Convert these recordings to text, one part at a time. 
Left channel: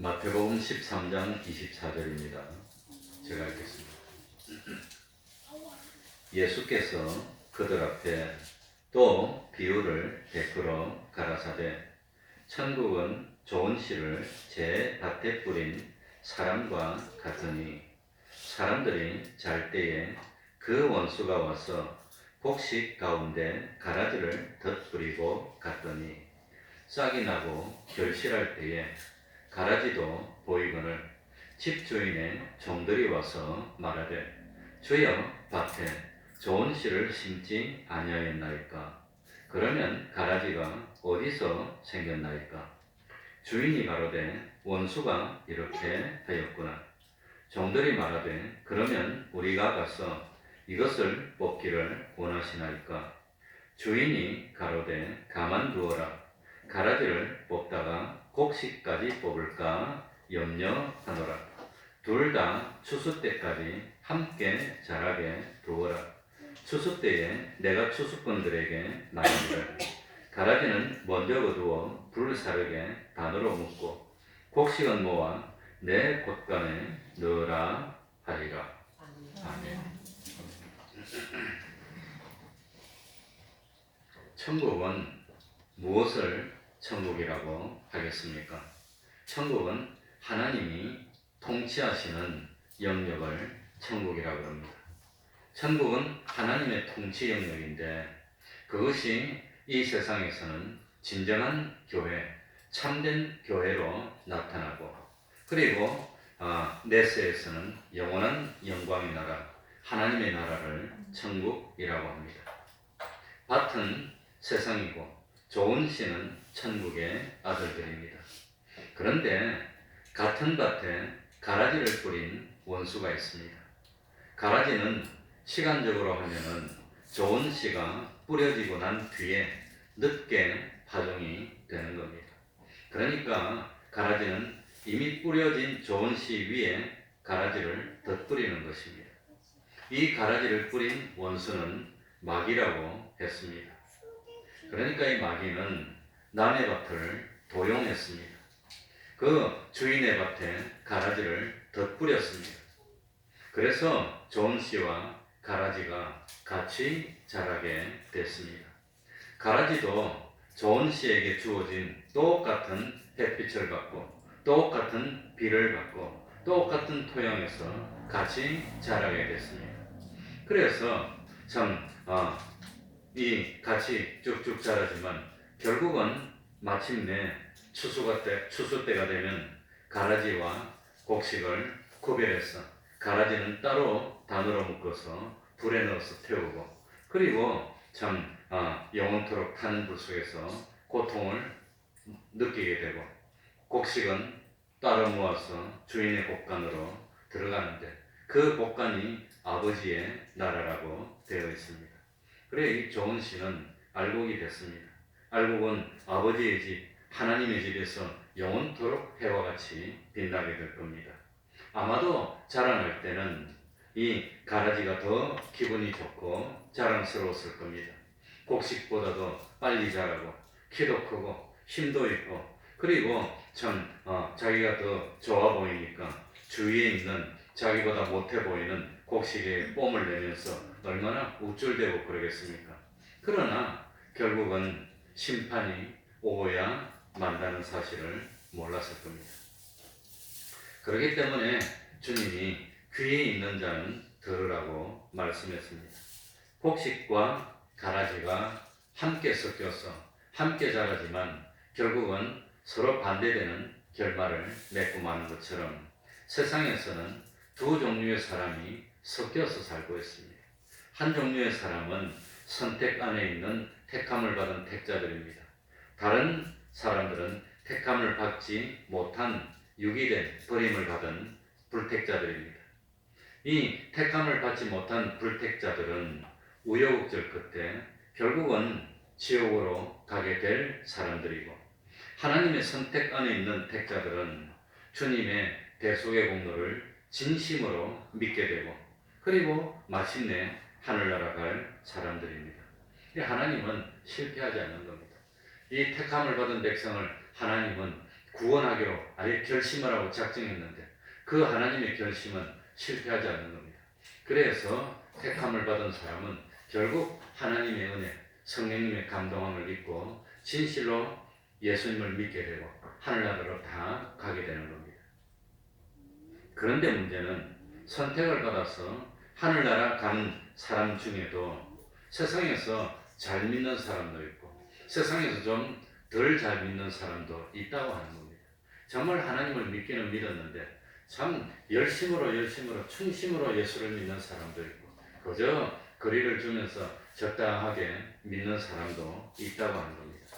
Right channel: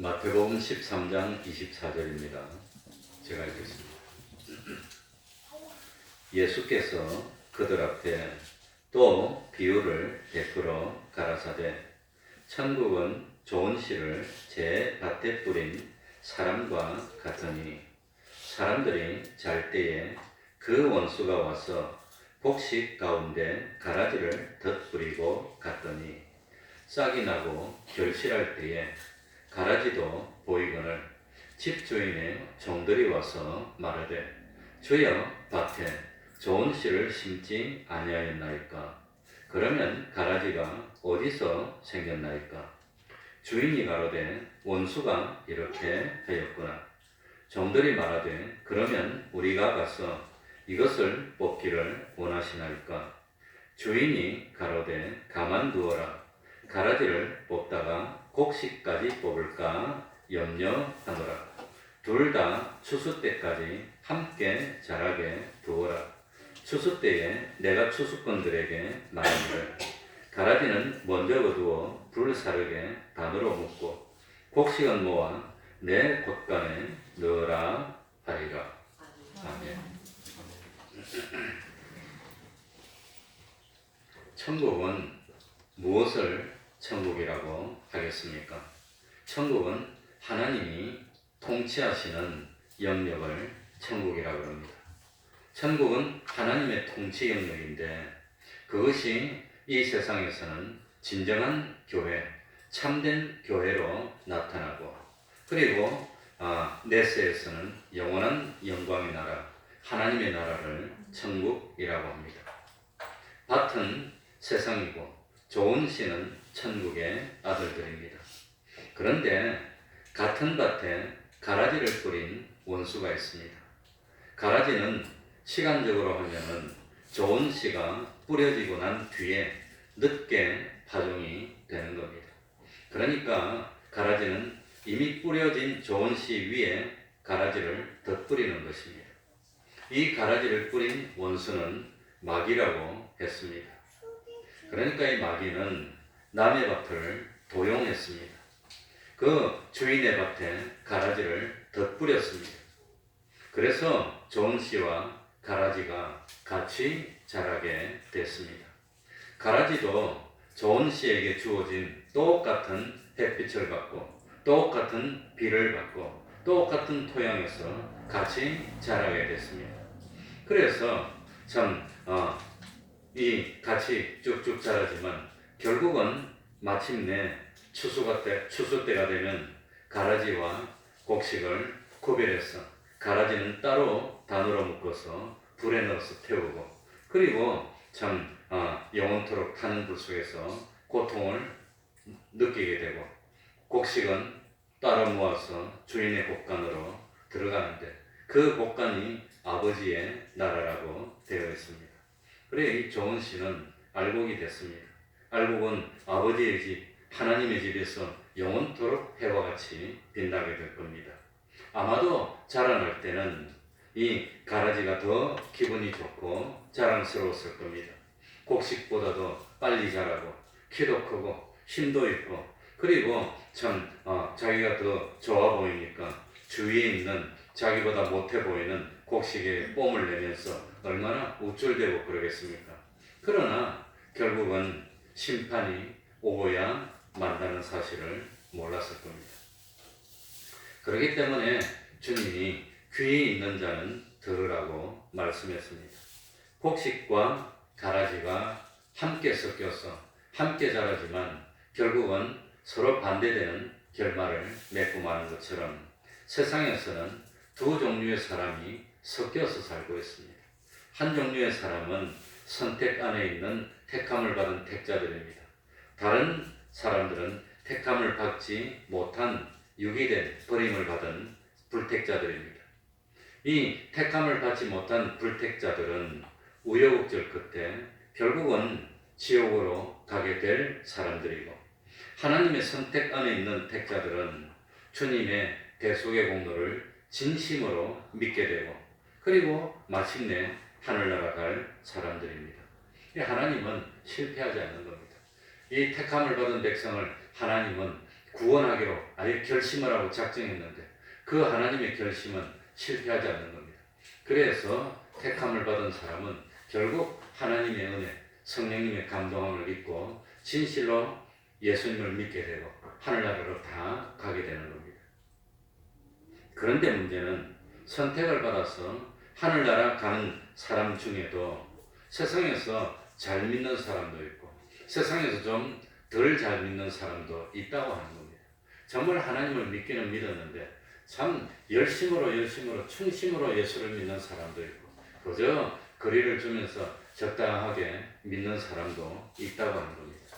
마태복음 13장 24절입니다. 제가 읽겠습니다. 예수께서 그들 앞에 또 비유를 베풀어 가라사대 천국은 좋은 씨를 제 밭에 뿌린 사람과 같으니 사람들이 잘 때에 그 원수가 와서 곡식 가운데 가라지를 덧뿌리고 갔더니 싹이 나고 결실할 때에 가라지도 보이거늘 집주인의 종들이 와서 말하되 주여 밭에 좋은 씨를 심지 아니하였나이까? 그러면 가라지가 어디서 생겼나이까? 주인이 가로되 원수가 이렇게 하였구나. 종들이 말하되 그러면 우리가 가서 이것을 뽑기를 원하시나이까? 주인이 가로되 가만두어라. 가라지를 뽑다가 곡식까지 뽑을까 염려하노라. 둘 다 추수 때까지 함께 자라게 두어라. 추수 때에 내가 추수꾼들에게 말하기를 가라지는 먼저 거두어 불사르게 반으로 묶고 곡식은 모아 내 곳간에 넣으라 하리라. 아멘. 천국은 무엇을 천국이라고 하겠습니까? 천국은 하나님이 통치하시는 영역을 천국이라고 합니다. 천국은 하나님의 통치 영역인데 그것이 이 세상에서는 진정한 교회, 참된 교회로 나타나고 그리고 내세에서는 영원한 영광의 나라, 하나님의 나라를 천국이라고 합니다. 밭은 세상이고 좋은 씨는 천국의 아들들입니다. 그런데 같은 밭에 가라지를 뿌린 원수가 있습니다. 가라지는 시간적으로 하면은 좋은 씨가 뿌려지고 난 뒤에 늦게 파종이 되는 겁니다. 그러니까 가라지는 이미 뿌려진 좋은 씨 위에 가라지를 덧뿌리는 것입니다. 이 가라지를 뿌린 원수는 마귀라고 했습니다. 그러니까 이 마귀는 남의 밭을 도용했습니다. 그 주인의 밭에 가라지를 덧뿌렸습니다. 그래서 좋은 씨와 가라지가 같이 자라게 됐습니다. 가라지도 좋은 씨에게 주어진 똑같은 햇빛을 받고 똑같은 비를 받고 똑같은 토양에서 같이 자라게 됐습니다. 그래서 참 이 같이 쭉쭉 자라지만 결국은 마침내 추수 때가 되면 가라지와 곡식을 구별해서 가라지는 따로 단으로 묶어서 불에 넣어서 태우고 그리고 참 영원토록 타는 불 속에서 고통을 느끼게 되고 곡식은 따로 모아서 주인의 곡간으로 들어가는데 그 곡간이 아버지의 나라라고 되어 있습니다. 그래 이 좋은 씨는 알곡이 됐습니다. 알곡은 아버지의 집, 하나님의 집에서 영원토록 해와 같이 빛나게 될 겁니다. 아마도 자라날 때는 이 가라지가 더 기분이 좋고 자랑스러웠을 겁니다. 곡식보다도 빨리 자라고 키도 크고 힘도 있고 그리고 참 자기가 더 좋아 보이니까 주위에 있는 자기보다 못해 보이는 곡식에 뽐을 내면서 얼마나 우쭐대고 그러겠습니까? 그러나 결국은 심판이 오고야 만다는 사실을 몰랐을 겁니다. 그렇기 때문에 주님이 귀에 있는 자는 들으라고 말씀했습니다. 곡식과 가라지가 함께 섞여서 함께 자라지만 결국은 서로 반대되는 결말을 맺고 마는 것처럼 세상에서는 두 종류의 사람이 섞여서 살고 있습니다. 한 종류의 사람은 선택 안에 있는 택함을 받은 택자들입니다. 다른 사람들은 택함을 받지 못한 유기된 버림을 받은 불택자들입니다. 이 택함을 받지 못한 불택자들은 우여곡절 끝에 결국은 지옥으로 가게 될 사람들이고 하나님의 선택 안에 있는 택자들은 주님의 대속의 공로를 진심으로 믿게 되고 그리고 마침내 하늘나라 갈 사람들입니다. 하나님은 실패하지 않는 겁니다. 이 택함을 받은 백성을 하나님은 구원하기로 아예 결심을 하고 작정했는데 그 하나님의 결심은 실패하지 않는 겁니다. 그래서 택함을 받은 사람은 결국 하나님의 은혜, 성령님의 감동함을 입고 진실로 예수님을 믿게 되고 하늘나라로 다 가게 되는 겁니다. 그런데 문제는 선택을 받아서 하늘나라 가는 사람 중에도 세상에서 잘 믿는 사람도 있고 세상에서 좀 덜 잘 믿는 사람도 있다고 하는 겁니다. 정말 하나님을 믿기는 믿었는데 참 열심으로 충심으로 예수를 믿는 사람도 있고 그저 거리를 주면서 적당하게 믿는 사람도 있다고 하는 겁니다.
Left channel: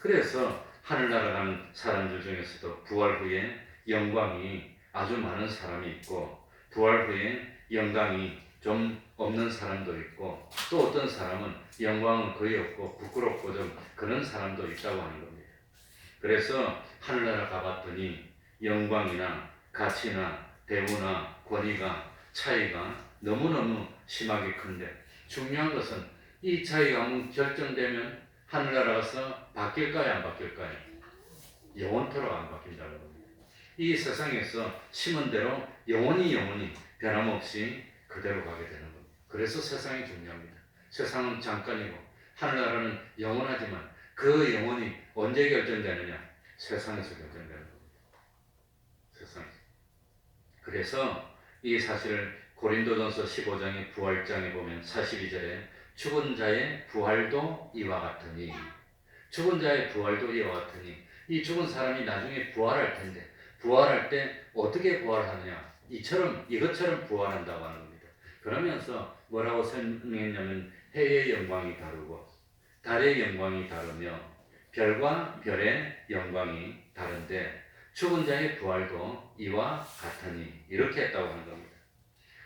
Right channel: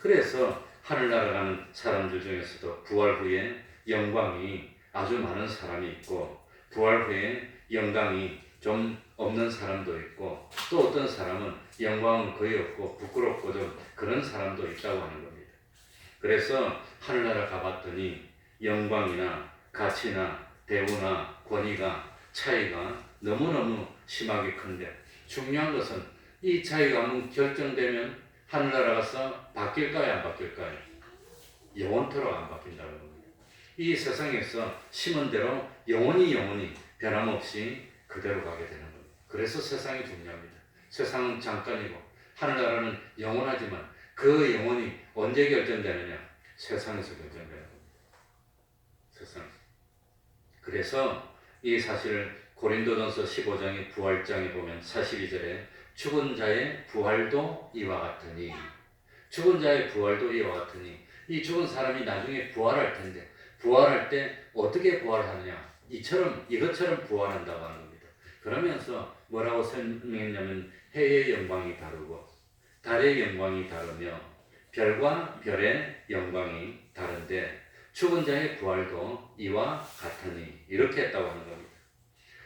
그래서 하늘나라 가는 사람들 중에서도 부활 후에 영광이 아주 많은 사람이 있고 부활 후에 영광이 좀 없는 사람도 있고 또 어떤 사람은 영광은 거의 없고 부끄럽고 좀 그런 사람도 있다고 하는 겁니다. 그래서 하늘나라 가봤더니 영광이나 가치나 대우나 권위가 차이가 너무너무 심하게 큰데 중요한 것은 이 차이가 한번 결정되면 하늘나라 가서 바뀔까요 안 바뀔까요? 영원토록 안 바뀐다는 겁니다. 이 세상에서 심은 대로 영원히 변함없이 그대로 가게 되는 겁니다. 그래서 세상이 중요합니다. 세상은 잠깐이고 하늘나라는 영원하지만 그 영혼이 언제 결정되느냐? 세상에서 결정되는 겁니다. 세상에서. 그래서 이 사실을 고린도전서 15장의 부활장에 보면 42절에 죽은 자의 부활도 이와 같으니 죽은 자의 부활도 이와 같으니 이 죽은 사람이 나중에 부활할 텐데 부활할 때 어떻게 부활하느냐? 이것처럼 부활한다고 하는 겁니다. 그러면서 뭐라고 설명했냐면 해의 영광이 다르고 달의 영광이 다르며 별과 별의 영광이 다른데 죽은 자의 부활도 이와 같으니 이렇게 했다고 하는 겁니다.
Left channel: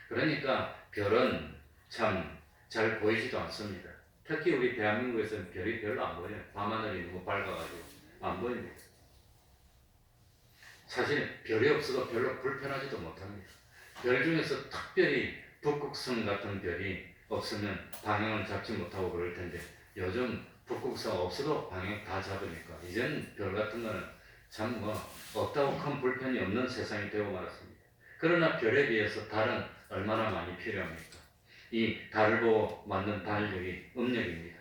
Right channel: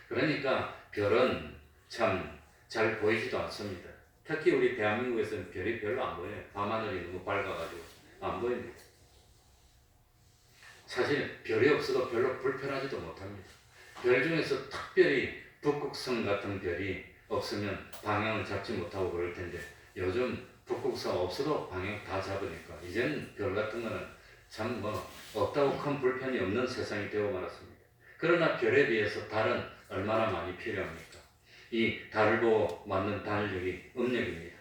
그러니까 별은 참 잘 보이지도 않습니다. 특히 우리 대한민국에서는 별이 별로 안 보여요. 밤하늘이 너무 밝아가지고 안 보입니다. 사실 별이 없어도 별로 불편하지도 못합니다. 별 중에서 특별히 북극성 같은 별이 없으면 방향을 잡지 못하고 그럴 텐데 요즘 북극성 없어도 방향 다 잡으니까 이제는 별 같은 거는 참 없다고 큰 불편이 없는 세상이 되어 말았습니다. 그러나 별에 비해서 달은 얼마나 많이 필요합니까? 이 달을 보고 만든 달력이 음력입니다.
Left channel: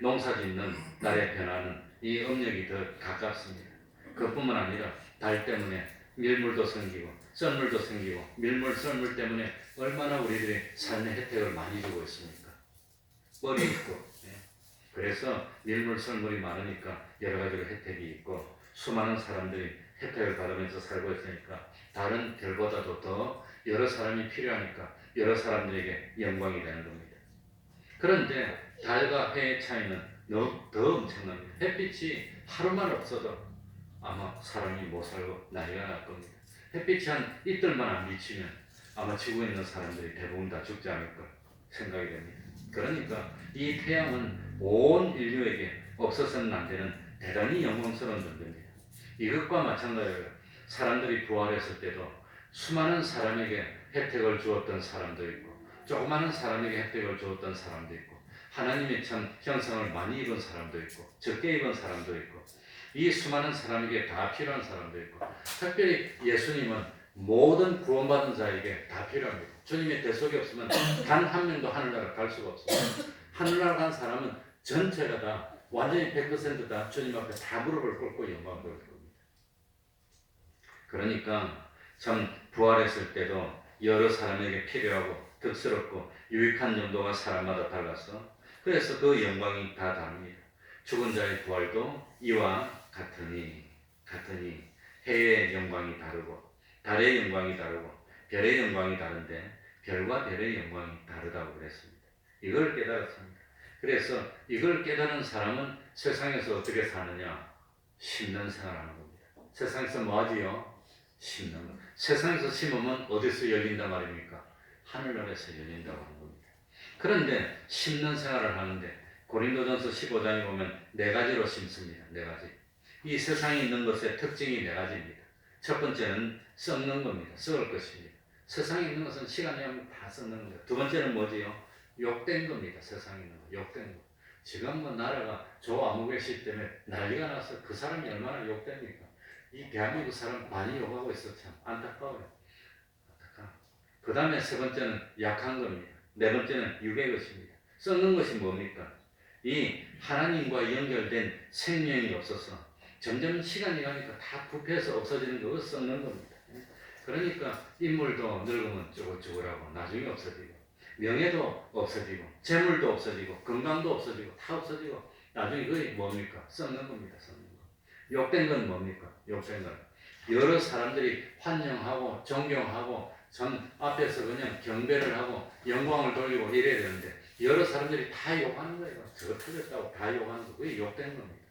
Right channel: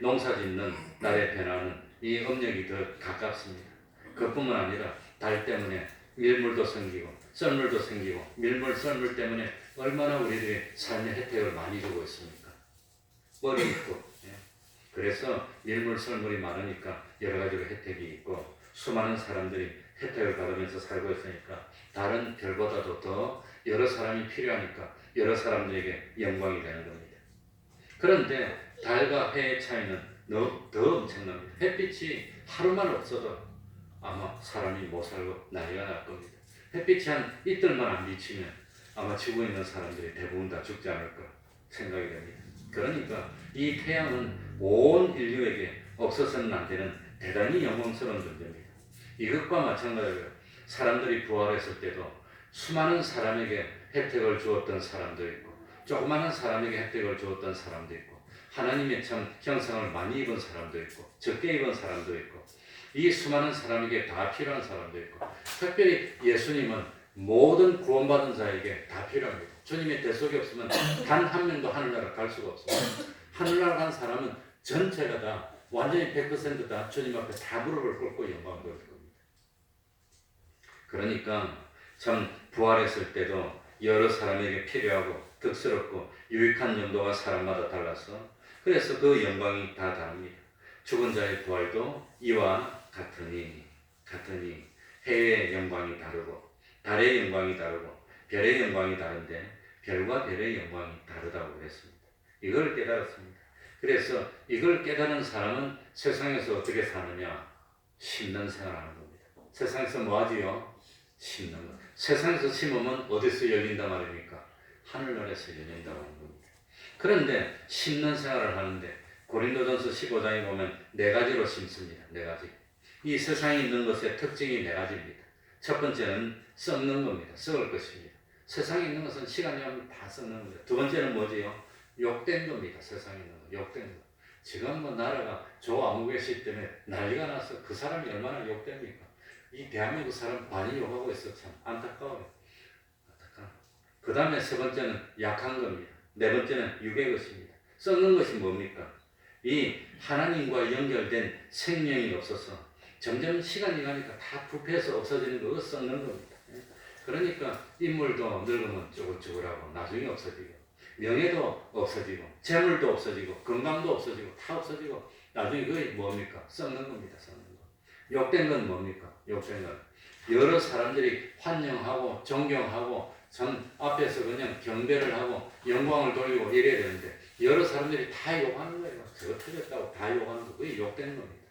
농사 짓는 날의 변화는 이 음력이 더 가깝습니다. 그뿐만 아니라 달 때문에 밀물도 생기고 썰물도 생기고 밀물 썰물 때문에 얼마나 우리들이 삶의 혜택을 많이 주고 있습니까? 뻘이 있고 그래서 밀물 썰물이 많으니까 여러 가지로 혜택이 있고 수많은 사람들이 혜택을 받으면서 살고 있으니까 다른 별보다도 더 여러 사람이 필요하니까 여러 사람들에게 영광이 되는 겁니다. 그런데 달과 해의 차이는 더 엄청납니다. 햇빛이 하루만 없어도 아마 사람이 못 살고 난리가 날 겁니다. 햇빛이 한 이틀만 안 비치면 아마 지구에 있는 사람들이 대부분 다 죽지 않을까 생각이 됩니다. 그러니까 이 태양은 온 인류에게 없어서는 안 되는 대단히 영광스러운 존재입니다. 이것과 마찬가지로 사람들이 부활했을 때도 수많은 사람에게 혜택을 주었던 사람도 있고 조그마한 사람에게 혜택을 주었던 사람도 있고 하나님의 참 형상을 많이 입은 사람도 있고 적게 입은 사람도 있고 이 수많은 사람에게 다 필요한 사람도 있고 특별히 예수님은 모든 구원받은 자에게 다 필요합니다. 주님의 대속이 없으면 단 한 명도 하늘나라 갈 수가 없습니다. 하늘나라 간 사람은 전체가 다 완전히 100%다 주님 앞에 다 무릎을 꿇고 영광 보일 겁니다. 그러니까 참 부활했을 때도 여러 사람에게 필요하고 득스럽고 유익한 정도가 사람마다 달라서 그래서 그 영광이 다 다릅니다. 죽은 자의 부활도 이와 같으니 해의 영광이 다르고 달의 영광이 다르고 별의 영광이 다른데 별과 별의 영광이 다르다고 그랬습니다. 이걸 깨달았습니다. 그래서 이걸 깨달은 사람은 세상에서 어떻게 사느냐? 심는 생활하는 겁니다. 세상에서 뭐 하지요? 심는 것. 세상에서 심으면 어디서 열린단 말입니까? 하늘나라에서 열린다고 하는 겁니다. 그런데 심는 생활을 하는데 고린도전서 15장에 보면 네 가지로 심습니다. 네 가지. 이 세상에 있는 것의 특징이 네 가지입니다. 첫 번째는 썩는 겁니다. 썩을 것입니다. 세상에 있는 것은 시간이 하면 다 썩는 겁니다. 두 번째는 뭐지요? 욕된 겁니다. 세상에 있는 것, 욕된 것. 지금 나라가 조 아무개시 때문에 난리가 나서 그 사람이 얼마나 욕됩니까? 이 대한민국 사람 많이 욕하고 있어. 참 안타까워요. 그 다음에 세 번째는 약한 겁니다. 네 번째는 육의 것입니다. 썩는 것이 뭡니까? 이 하나님과 연결된 생명이 없어서 점점 시간이 가니까 다 부패해서 없어지는 거 썩는 겁니다. 그러니까 인물도 늙으면 쭈글쭈글하고 나중에 없어지고 명예도 없어지고 재물도 없어지고 건강도 없어지고 다 없어지고 나중에 그게 뭡니까? 썩는 겁니다. 썩는 거. 욕된 건 뭡니까? 욕된 건 여러 사람들이 환영하고 존경하고 전 앞에서 그냥 경배를 하고 영광을 돌리고 이래야 되는데 여러 사람들이 다 욕하는 거예요. 저 틀렸다고 다 욕하는 거. 그게 욕된 겁니다.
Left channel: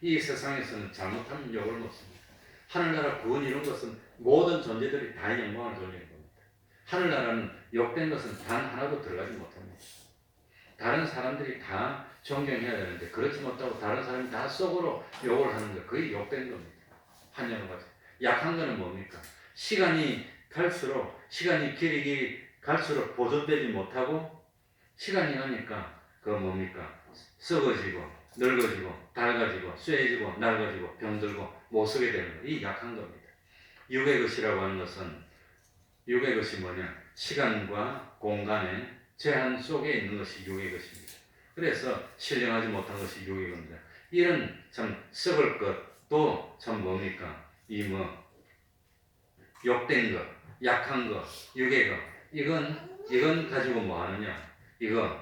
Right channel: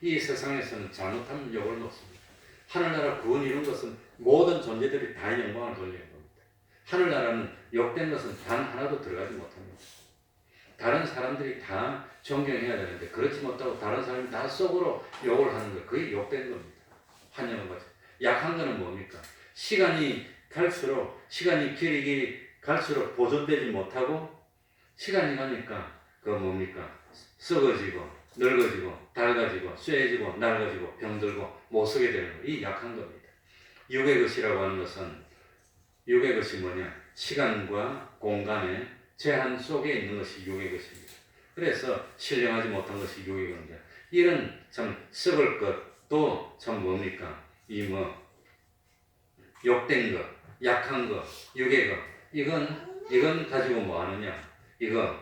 이 세상에서는 잘못하면 욕을 먹습니다. 하늘나라 구원 이룬 것은 모든 존재들이 다 영광을 돌리는 겁니다. 하늘나라는 욕된 것은 단 하나도 들어가지 못합니다. 다른 사람들이 다 존경해야 되는데 그렇지 못하고 다른 사람이 다 속으로 욕을 하는 거예요. 그게 욕된 겁니다. 한영을 가지고. 약한 거는 뭡니까? 시간이 길이 갈수록 보존되지 못하고 시간이 가니까 그 뭡니까? 썩어지고 늙어지고 밝아지고 쇠해지고 낡아지고 병들고 못 쓰게 되는 거. 이 약한 겁니다. 육의 것이라고 하는 것은 육의 것이 뭐냐? 시간과 공간의 제한 속에 있는 것이 육의 것입니다. 그래서 신령하지 못한 것이 육의 건데 이런 참 썩을 것도 참 뭡니까? 욕된 것, 약한 것, 육의 것 이건 가지고 뭐 하느냐? 이거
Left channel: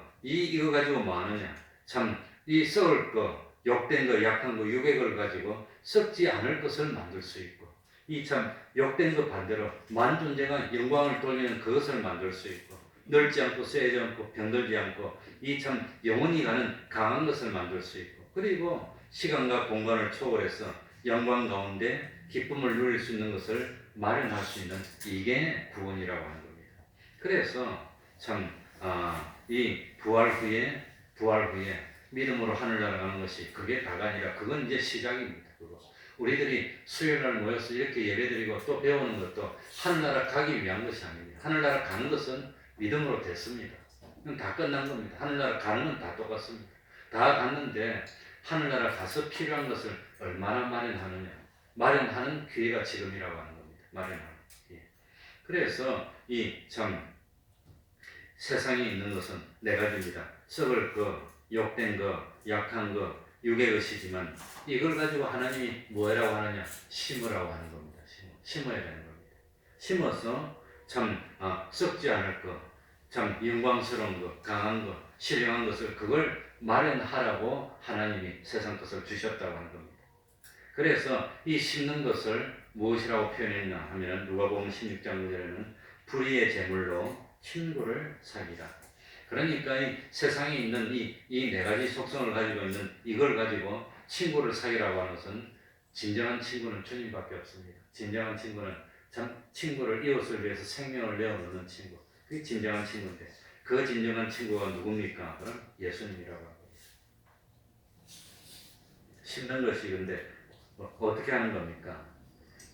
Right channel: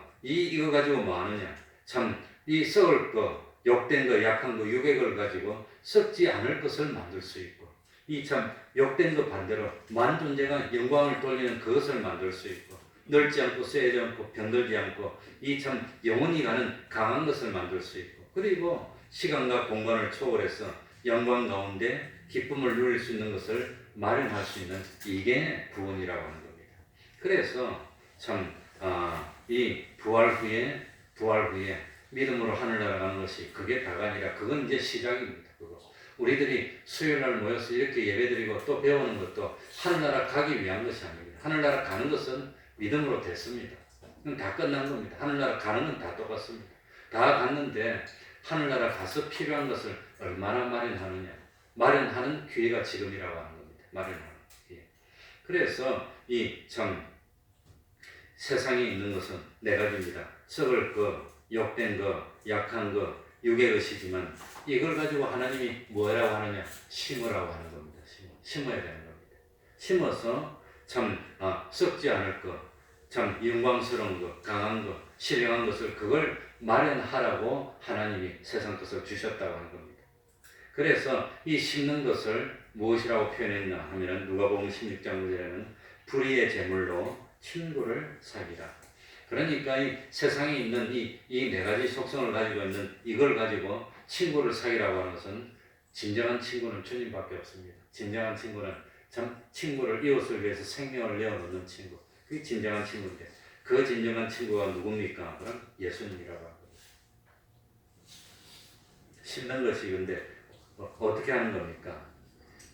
가지고 뭐 하느냐? 참 이 썩을 것, 욕된 것, 약한 것, 육의 걸 가지고 썩지 않을 것을 만들 수 있고 이 참 욕된 것 반대로 만존재가 영광을 돌리는 그것을 만들 수 있고 늙지 않고 쇠하지 않고 병들지 않고 이 참 영원히 가는 강한 것을 만들 수 있고 그리고 시간과 공간을 초월해서 영광 가운데 기쁨을 누릴 수 있는 것을 마련할 수 있는 이게 구원이라고 하는 겁니다. 그래서 참 이 부활 후에 믿음으로 하늘나라 가는 것이 그게 다가 아니라 그건 이제 시작입니다. 그거. 우리들이 수요일날 모여서 이렇게 예배드리고 또 배우는 것도 하늘나라 가기 위한 것이 아닙니다. 하늘나라 가는 것은 믿음으로 됐습니다. 그건 다 끝난 겁니다. 하늘나라 가는 건 다 똑같습니다. 다 갔는데 하늘나라 가서 필요한 것을 얼마나 마련하느냐. 마련하는 기회가 지금이라고 하는 겁니다. 마련하는 기회. 그래서 이 참 세상에 있는 것은 네 가지입니다. 썩을 것, 욕된 것, 약한 것, 육의 것이지만 이걸 가지고 하나님이 뭐라고 하느냐? 심으라고 하는 겁니다. 심어야 되는 겁니다. 심어서 참 썩지 않을 것, 참 영광스러운 것, 강한 것, 신령한 것을 그걸 마련하라고 하나님이 세상 것을 주셨다고 하는 겁니다. 그래서 이 심는 것을 무엇이라고 표현했나 하면 누가복음 16장 9절에는 불의의 제물로 친구를 사귀라. 그러니까 이 세상에 있는 이 네 가지 속성을 가지고 있는 이걸 가지고 친구를 사귀라고 하는 것은 진정한 친구는 주님밖에 없습니다. 진정한 친구는 참 친구를 이웃을 위해서 생명을 내어놓는 친구. 그게 진정한 친구인데 그 진정한 친구가 누굽니까? 그럼 예수님이라고 합니다. 심는 것이 근데 어떻게 하는 겁니까?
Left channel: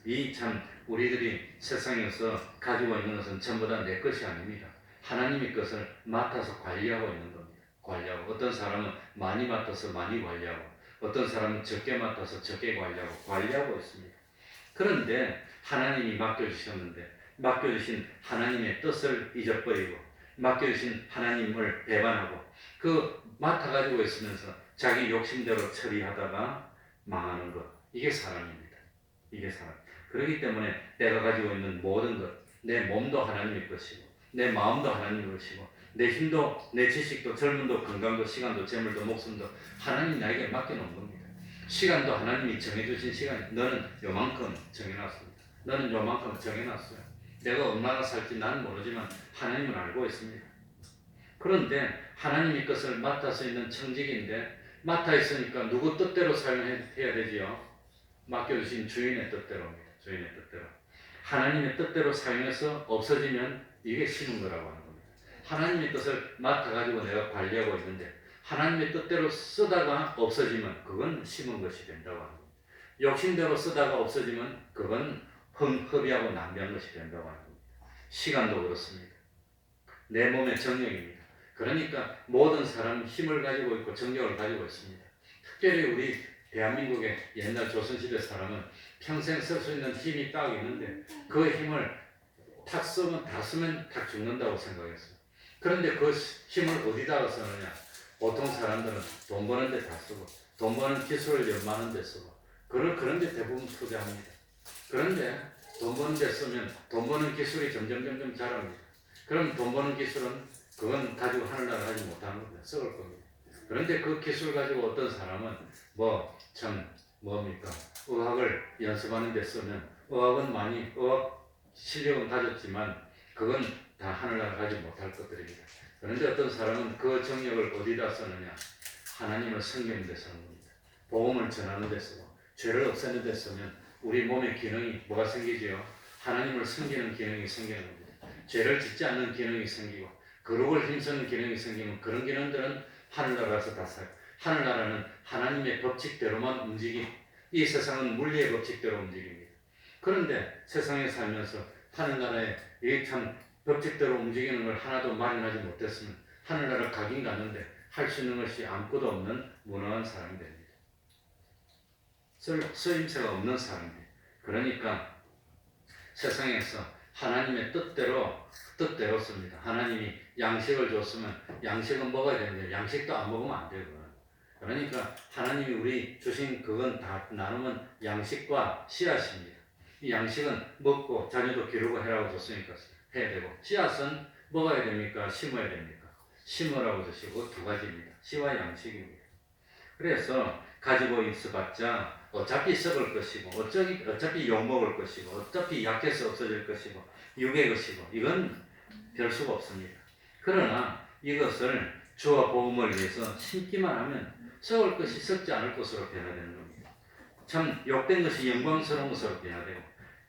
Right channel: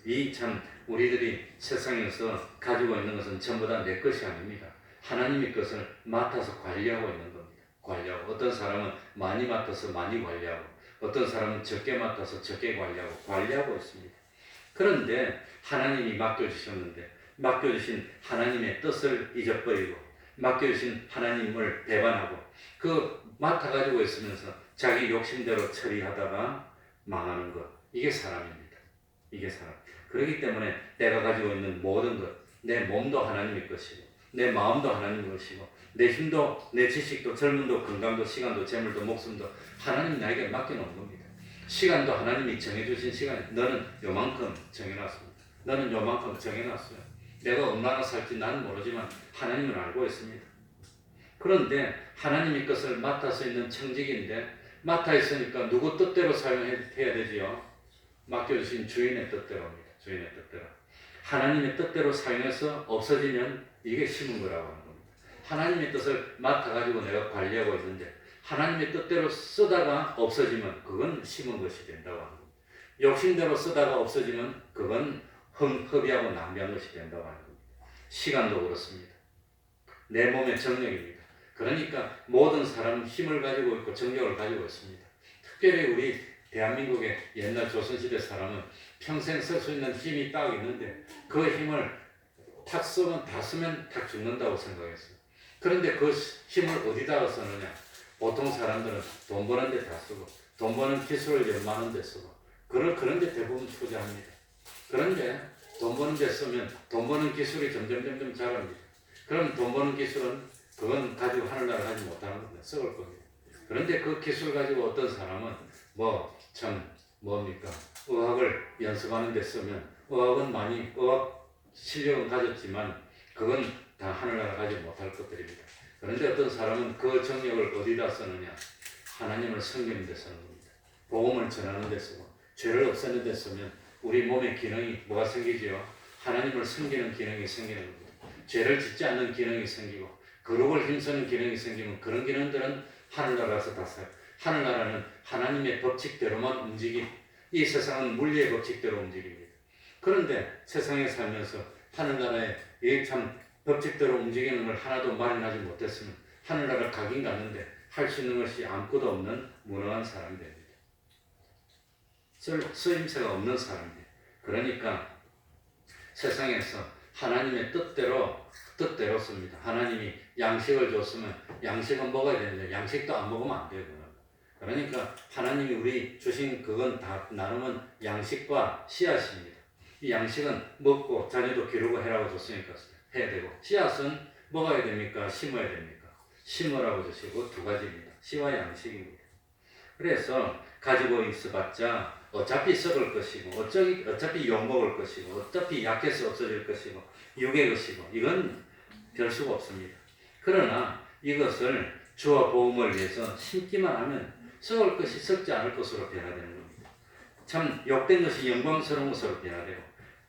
이 참 우리들이 세상에서 가지고 있는 것은 전부 다 내 것이 아닙니다. 하나님의 것을 맡아서 관리하고 있는 겁니다. 관리하고 어떤 사람은 많이 맡아서 많이 관리하고 어떤 사람은 적게 맡아서 적게 관리하고 있습니다. 그런데 하나님이 맡겨주셨는데 맡겨주신 하나님의 뜻을 잊어버리고 맡겨주신 하나님을 배반하고 그 맡아가지고 있으면서 자기 욕심대로 처리하다가 망하는 것. 이게 사람입니다. 이게 사람. 그렇기 때문에 내가 가지고 있는 모든 것, 내 몸도 하나님의 것이고 내 마음도 하나님의 것이고 내 힘도 내 지식도 젊음도 건강도 시간도 재물도 목숨도 하나님 나에게 맡겨놓은 겁니다. 시간도 하나님이 정해주신 시간. 너는 요만큼 정해놨습니다. 너는 요만큼 정해놨어요. 내가 얼마나 살지 나는 모르지만 하나님은 알고 있습니다. 그런데 하나님의 것을 맡아서 있는 청직인데 맡아 있으니까 누구 뜻대로 사용해야 되지요? 맡겨주신 주인의 뜻대로입니다. 주인의 뜻대로. 하나님의 뜻대로 사용해서 없어지면 이게 심은 거라고 하는 겁니다. 하나님의 뜻을 맡아가지고 내가 관리하고 있는데 하나님의 뜻대로 쓰다가 없어지면 그건 심은 것이 된다고 하는 겁니다. 욕심대로 쓰다가 없어지면 그건 허비하고 낭비한 것이 된다고 하는 겁니다. 시간도 그렇습니다. 내 몸의 정력입니다. 그러니까 모든 사람은 힘을 가지고 있고 정력을 가지고 있습니다. 특별히 우리 대한민국의 옛날 조선시대 사람은 평생 쓸 수 있는 힘이 딱 있는데 그 힘을 탁 쓰면 다 쓰면 탁 죽는다고 생각했어요. 그런데 그 힘을 어디다가 쓰느냐? 보통 사람들은 돈 버는 데 다 쓰고 돈 버는 기술을 연마하는 데 쓰고 그런 데 대부분 투자합니다. 그런데 돈 버는 데 쓰면 돈 버는 기술이 점점 자랍니다. 그럼 돈 버는 기술은 그건 가지고 하늘나라 하지 못하는 겁니다. 썩을 겁니다. 그런데 그 기술 가지고 어떤 사람은 뭡니까? 의학을 연습하는 데 쓰면 의학은 많이 의학 실력은 가졌지만 그건 다 하늘나라 가지 못할 것들입니다. 그런데 어떤 사람은 그 정력을 어디다 쓰느냐? 하나님을 섬기는 데 쓰는 겁니다. 복음을 전하는 데 쓰고 죄를 없애는 데 쓰면 우리 몸의 기능이 뭐가 생기지요? 하나님을 섬기는 기능이 생기는 겁니다. 죄를 짓지 않는 기능이 생기고 거룩을 힘쓰는 기능이 생기면 그런 기능들은 하늘나라에서 다 써요. 하늘나라는 하나님의 법칙대로만 움직이 이 세상은 물리의 법칙대로 움직입니다. 그런데 세상에 살면서 하늘나라에 참 법칙대로 움직이는 걸 하나도 마련하지 못했으면 하늘나라 가긴 가는데 할 수 있는 것이 아무것도 없는 무능한 사람이 됩니다. 쓰임새가 없는 사람이에요. 그러니까 세상에서 하나님의 뜻대로 씁니다. 하나님이 양식을 줬으면 양식은 먹어야 되는데 양식도 안 먹으면 안 되고 그러니까 하나님이 우리 주신 그건 다 나누면 양식과 씨앗입니다. 이 양식은 먹고 자녀도 기르고 해라고 줬으니까 해야 되고 씨앗은 먹어야 됩니까? 심어야 됩니까? 심으라고 주시고 두 가지입니다. 씨와 양식입니다. 그래서 가지고 있어봤자 어차피 썩을 것이고 어차피 욕먹을 것이고 어차피 약해서 없어질 것이고 육의 것이고 이건 별 수가 없습니다. 그러나 이것을 주와 복음을 위해서 심기만 하면 썩을 것이 썩지 않을 것으로 변화되는 겁니다. 참 욕된 것이 영광스러운 것으로 변화되고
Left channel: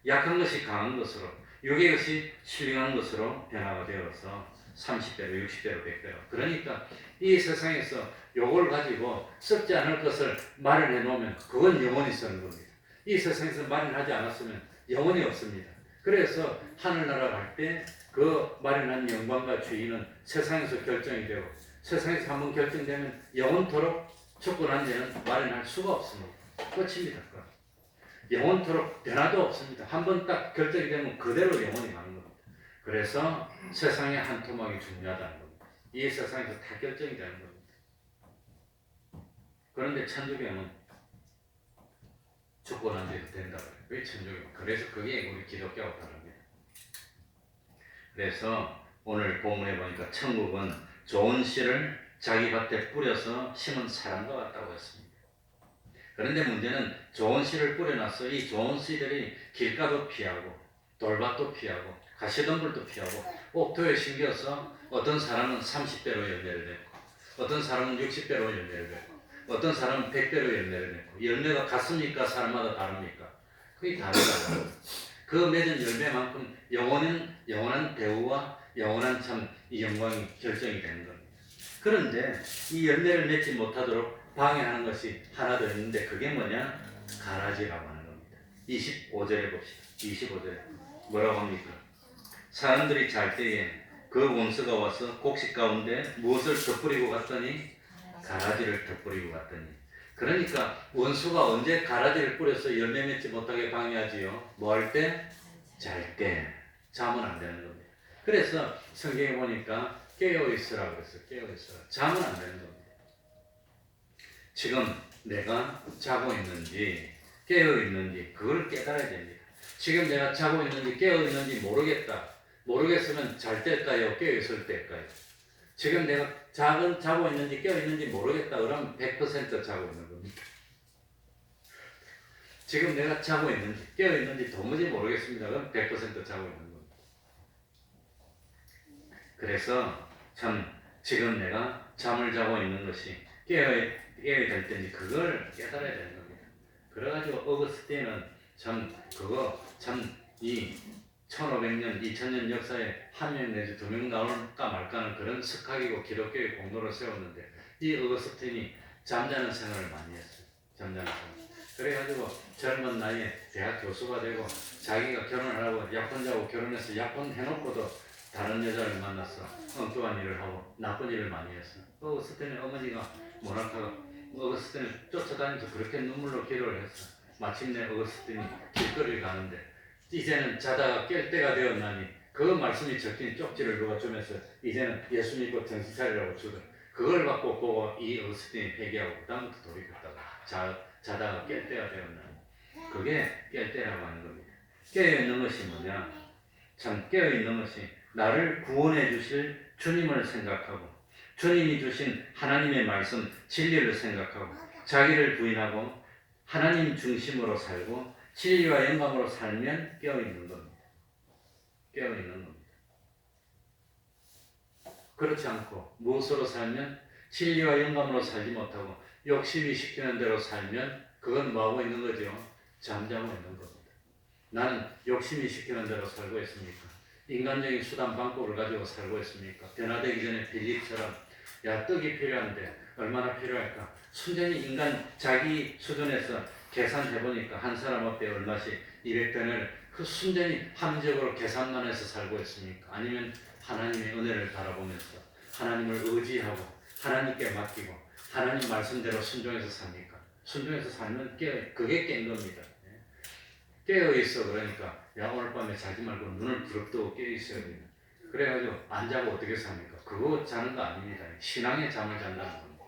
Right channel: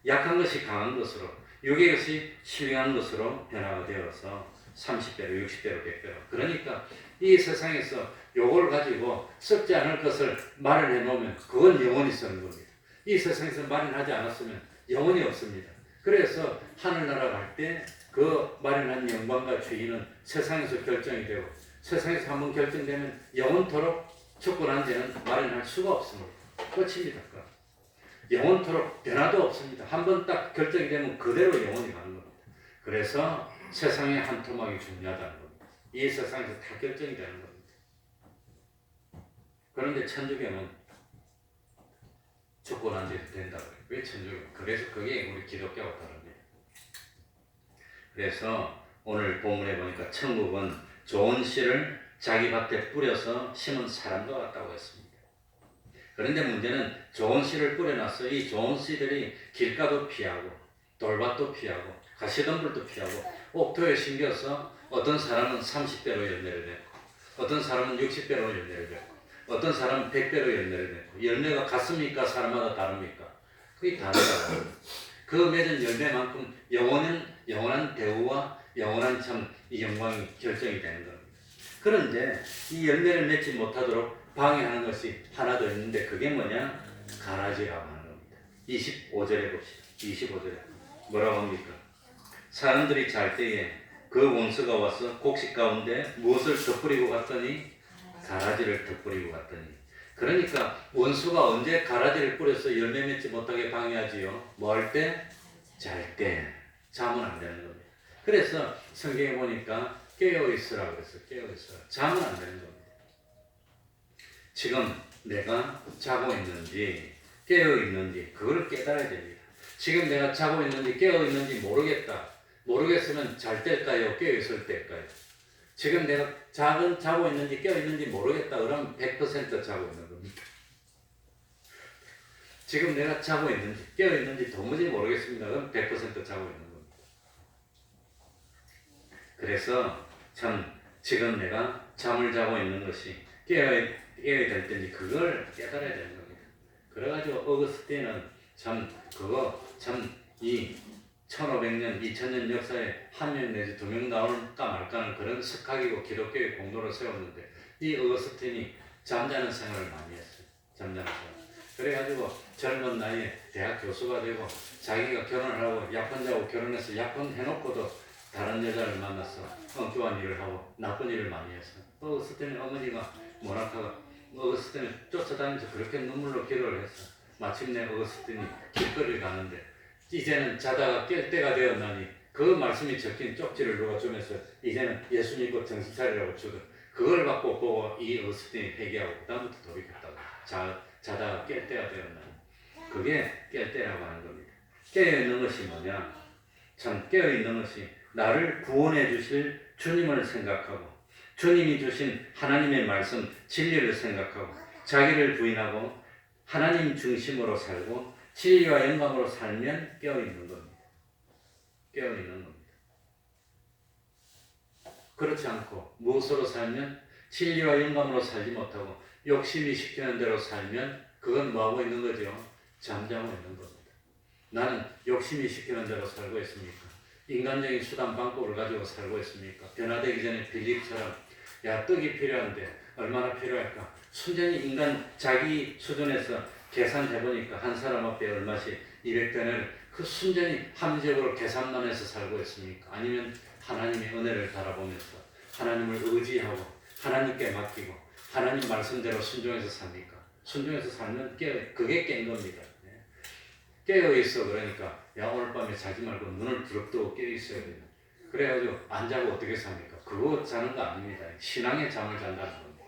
약한 것이 강한 것으로 육의 것이 신령한 것으로 변화가 되어서 30배로 60배로 100배로 그러니까 이 세상에서 요걸 가지고 썩지 않을 것을 마련해 놓으면 그건 영원히 쓰는 겁니다. 이 세상에서 마련하지 않았으면 영원히 없습니다. 그래서 하늘나라 갈 때 그 마련한 영광과 주인은 세상에서 결정이 되고 세상에서 한번 결정되면 영원토록 주권한 데는 마련할 수가 없습니다. 끝입니다. 영원토록 변화도 없습니다. 한번 딱 결정이 되면 그대로 영원히 가는 겁니다. 그래서 세상의 한 토막이 중요하다는 겁니다. 이 세상에서 다 결정이 되는 겁니다. 그런데 천주교는 주권한 데도 된다고 해요. 왜 천주교? 그래서 그게 우리 기독교하고 다릅니다. 그래서 오늘 본문에 보니까 천국은 좋은 씨를 자기 밭에 뿌려서 심은 사람과 같다고 했습니다. 그런데 문제는 좋은 씨를 뿌려놨어. 이 좋은 씨들이 길가도 피하고 돌밭도 피하고 가시덤불도 피하고 옥토에 심겨서 어떤 사람은 30배로 열매를 맺고 어떤 사람은 60배로 열매를 맺고 어떤 사람은 100배로 열매를 맺고 열매가 같습니까? 사람마다 다릅니까? 그게 다르다고. 그 맺은 열매만큼 영원한 대우와 영원한 참 이 영광이 결정이 되는 겁니다. 그런데 이 열매를 맺지 못하도록 방해하는 것이 하나 더 있는데 그게 뭐냐? 가라지라고 하는 겁니다. 25절에 봅시다. 25절에 뭐라고 합니까? 사람들이 잘 때에 그 원수가 와서 곡식 가운데 무엇을 덧뿌리고 갔더니 가라지를 덧뿌리고 갔더니 그러니까 원수가 언제 가라지를 뿌려서 열매 맺지 못하게 방해하지요? 뭐 할 때? 잘 때. 잠은 안 되는 겁니다. 그래서 성경에 보니까 깨어있으라고 그랬어요. 깨어있으라. 잠은 안 되는 겁니다. 지금 내가 자고 있는지 깨어있는지 그걸 깨달아야 됩니다. 지금 내가 자고 있는지 깨어있는지 모르겠으면 잘 때일까요? 깨어있을 때일까요? 지금 내가 자고 있는지 깨어있는지 모르겠다 그러면 100% 자고 있는 겁니다. 지금 내가 자고 있는지 깨어있는지 도무지 모르겠습니다. 그럼 100% 자고 있는 겁니다. 그래서 참 지금 내가 잠을 자고 있는 것이 깨어야 될 때인지 그걸 깨달아야 되는 겁니다. 그래가지고 어거스틴은 이 1500년, 2000년 역사에 한 명 내지 두 명 나올까 말까는 그런 석학이고 기독교의 공로를 세웠는데 이 어거스틴이 잠자는 생활을 많이 했어요. 잠자는 생활. 그래가지고 젊은 나이에 대학 교수가 되고 자기가 결혼을 하고 약혼자하고 결혼해서 약혼해놓고도 다른 여자를 만나서 엉뚱한 일을 하고 나쁜 일을 많이 했어. 어거스틴의 어머니가 모나카가 어거스틴을 쫓아다니면서 그렇게 눈물로 기도를 했어. 마침내 어거스틴이 길거리를 가는데 이제는 자다가 깰 때가 되었나니 그 말씀이 적힌 쪽지를 누가 주면서 이제는 예수 믿고 정신 차리라고 주던 그걸 받고 보고 이 어거스틴이 회개하고 그다음부터 돌이켰다가 자다가 깰 때가 되었나니 그게 깰 때라고 하는 겁니다. 깨어있는 것이 뭐냐? 참 깨어있는 것이 나를 구원해 주실 주님을 생각하고 주님이 주신 하나님의 말씀 진리를 생각하고 자기를 부인하고 하나님 중심으로 살고 진리와 영광으로 살면 깨어있는 겁니다. 깨어있는 겁니다. 그렇지 않고 무엇으로 살면 진리와 영광으로 살지 못하고 욕심이 시키는 대로 살면 그건 뭐하고 있는 거죠? 잠자고 있는 겁니다. 나는 욕심이 시키는 대로 살고 있습니까? 인간적인 수단 방법을 가지고 살고 있습니까? 변화되기 전에 빌립처럼 야 떡이 필요한데 얼마나 필요할까? 순전히 인간 자기 수준에서 계산해보니까 한 사람 앞에 얼마씩 200배를 그 순전히 합리적으로 계산만 해서 살고 있습니까? 아니면 하나님의 은혜를 바라보면서 하나님을 의지하고 하나님께 맡기고 하나님 말씀대로 순종해서 삽니까? 순종해서 살면 그게 깬 겁니다. 깨어있어. 그러니까 야 오늘 밤에 자지 말고 눈을 부릅뜨고 깨어있어야 됩니다. 그래가지고 안 자고 어떻게 삽니까? 그거 자는 거 아닙니다. 신앙의 잠을 잔다는 겁니다.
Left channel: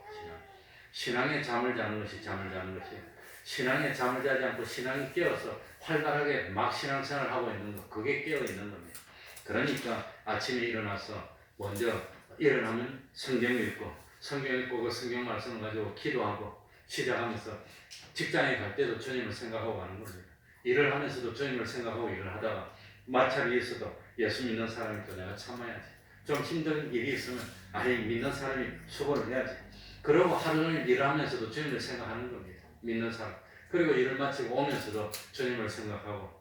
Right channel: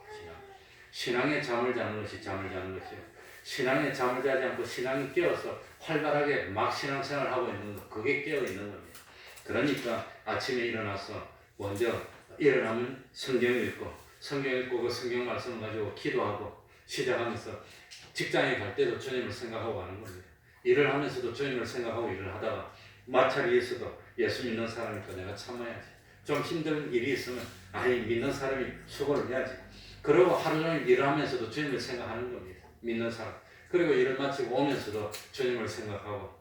신앙의 잠을 자는 것이 잠을 자는 것이에요. 신앙의 잠을 자지 않고 신앙이 깨어서 활발하게 막 신앙생활을 하고 있는 거 그게 깨어있는 겁니다. 그러니까 아침에 일어나서 먼저 일어나면 성경 읽고 그 성경 말씀을 가지고 기도하고 시작하면서 직장에 갈 때도 주님을 생각하고 가는 겁니다. 일을 하면서도 주님을 생각하고 일을 하다가 마찰이 있어도 예수 믿는 사람이니까 내가 참아야지. 좀 힘든 일이 있으면 아니 믿는 사람이 수고를 해야지. 그리고 하루 종일 일을 하면서도 주님을 생각하는 겁니다. 믿는 사람. 그리고 일을 마치고 오면서도 주님을 생각하고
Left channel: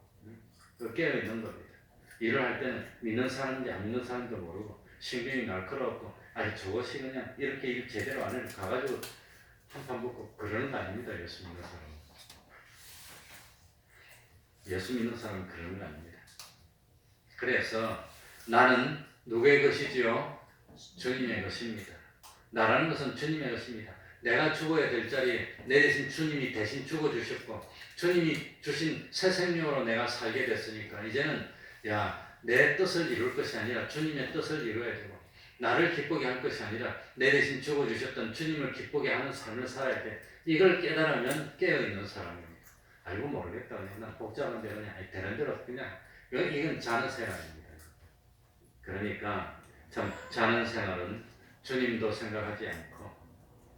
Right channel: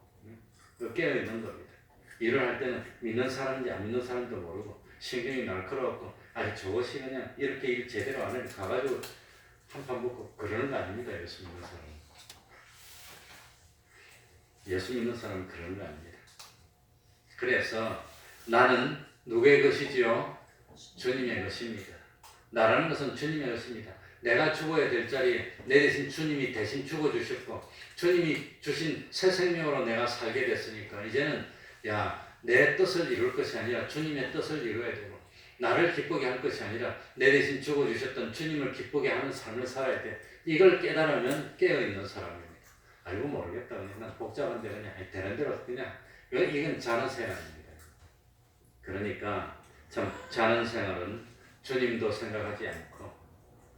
깨어있는 겁니다. 일을 할 때는 믿는 사람인지 안 믿는 사람인지도 모르고 신경이 날카로웠고 아니 저것이 그냥 이렇게 일 제대로 안 해도 가가지고 한판 먹고 그러는 거 아닙니다. 예수 믿는 사람은. 예수 믿는 사람은 그런 거 아닙니다. 그래서 나는 누구의 것이지요? 주님의 것입니다. 나라는 것은 주님의 것입니다. 내가 죽어야 될 자리에 내 대신 주님이 대신 죽어주셨고 주님이 주신 새 생명으로 내가 살게 됐으니까 이제는 내 뜻을 이룰 것이 아니라 주님의 뜻을 이루어야 되고 나를 기쁘게 할 것이 아니라 내 대신 죽어주셨던 주님을 기쁘게 하는 삶을 살아야 돼. 이걸 깨달으면 깨어있는 사람입니다. 알고 모르겠다. 그냥 복잡한데 그냥 되는 대로 그냥 이건 자는 생활입니다. 그러니까 참 자는 생활은 주님도 생각하지 않고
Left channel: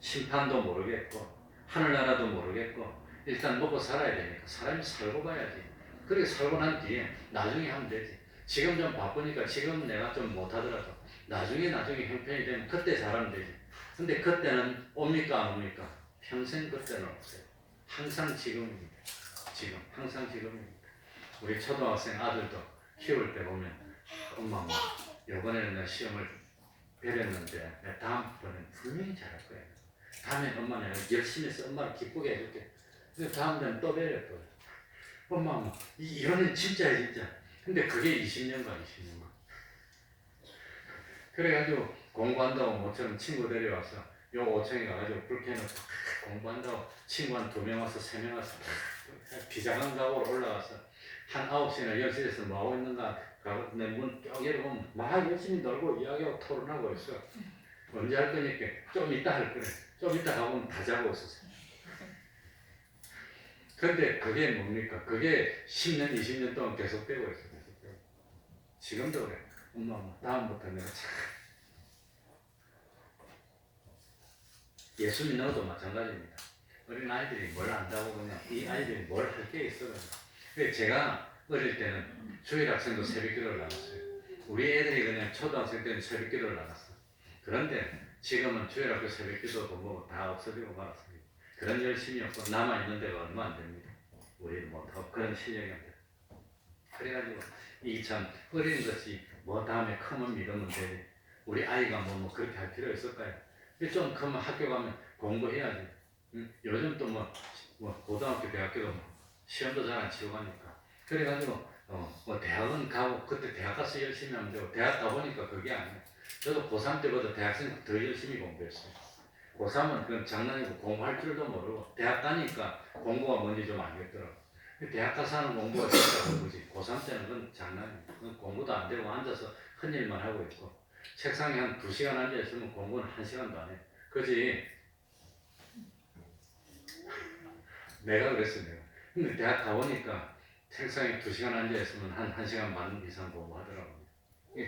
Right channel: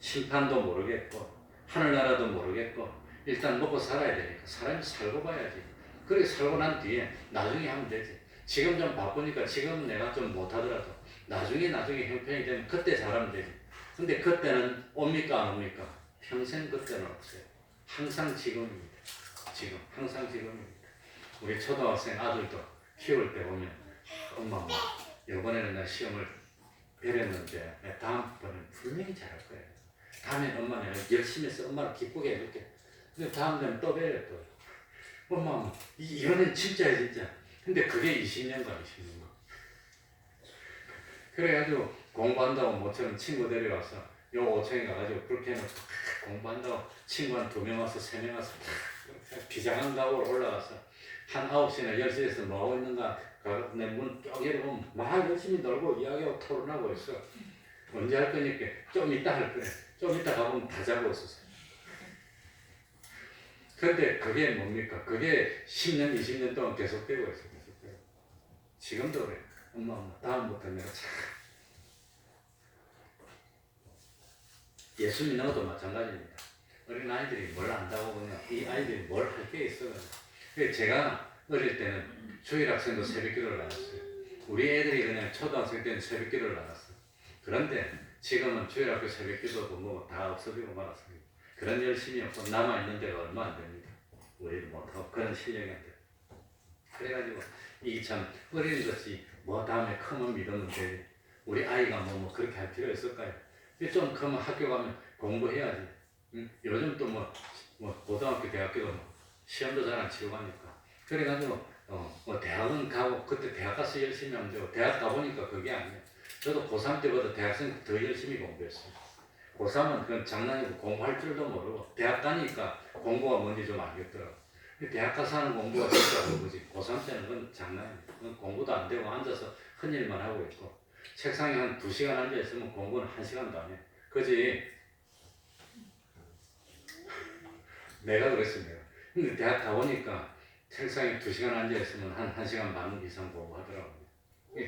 심판도 모르겠고 하늘나라도 모르겠고 일단 먹고 살아야 되니까 사람이 살고 봐야지. 그렇게 살고 난 뒤에 나중에 하면 되지. 지금 좀 바쁘니까 지금 내가 좀 못하더라도 나중에 형편이 되면 그때 잘하면 되지. 근데 그때는 옵니까 안 옵니까? 평생 그때는 없어요. 항상 지금입니다. 항상 지금입니다. 우리 초등학생 아들도 키울 때 보면 엄마 이번에는 나 시험을 배렸는데 다음번엔 분명히 잘할 거야. 다음엔 엄마 내가 열심히 해서 엄마를 기쁘게 해줄게. 근데 다음 때는 또 배려 또. 엄마 이거는 진짜야 진짜. 근데 그게 20년간. 그래가지고 공부한다고 모처럼 친구 데려와서 요 5층에 가가지고 불 켜놓고 공부한다고 친구 한 2명 와서 3명 와서 비장한 가옥을 올라가서 한 9시나 10시에서 뭐하고 있는가 내 문 쫙 열고 막 열심히 놀고 이야기하고 토론하고 있어. 언제 할 거니까 좀 이따 할 거래. 좀 이따 가보면 다 자고 있었어. 근데 그게 뭡니까? 그게 10년 20년 동안 계속되고 있어. 지금도 그래. 엄마 다음부터 내가 참 예수 믿는 것도 마찬가지입니다. 어린 아이들이 뭘 안다고 그냥 이 아이들이 뭘 할 게 있어. 제가 어릴 때는 주일 학생도 새벽 기도를 나눴어요. 우리 애들이 그냥 초등학생 때는 새벽 기도를 나눴어. 그런데 지금은 주일 학교 새벽 기도도 뭐 다 없어지고 말았습니다. 그런 열심이 없고 남아있는 데가 얼마 안 됩니다. 우리는 못하고 그런 실력이 안 돼요. 그래가지고 이 참 어린 것이 뭐 다음에 크면 믿으면 되지. 우리 아이가 뭐 그렇게 할 필요 있을까요? 좀 크면 학교 가면 공부해야지. 요즘 또 뭐 고등학교 대학교도 시험도 잘 안 치고 가니까. 그래가지고 뭐 대학은 가고 그때 대학 가서 열심히 하면 되고 대학 가보니까 그게 아니에요. 저도 고3 때보다 대학생 더 열심히 공부했어요. 고3은 그냥 장난이고 공부할 줄도 모르고 대학 가니까 공부가 뭔지 좀 알겠더라고. 대학 가서 하는 공부가 진짜 공부지. 고3 때는 그건 장난이야. 그건 공부도 안 되고 앉아서 헛일만 하고 있고, 책상에 한 2시간 앉아 있으면 공부는 1시간도 안 해. 그지? 내가 그랬어, 내가. 근데 대학 가보니까 책상에 2시간 앉아 있으면 한 1시간 반 이상 공부하더라고.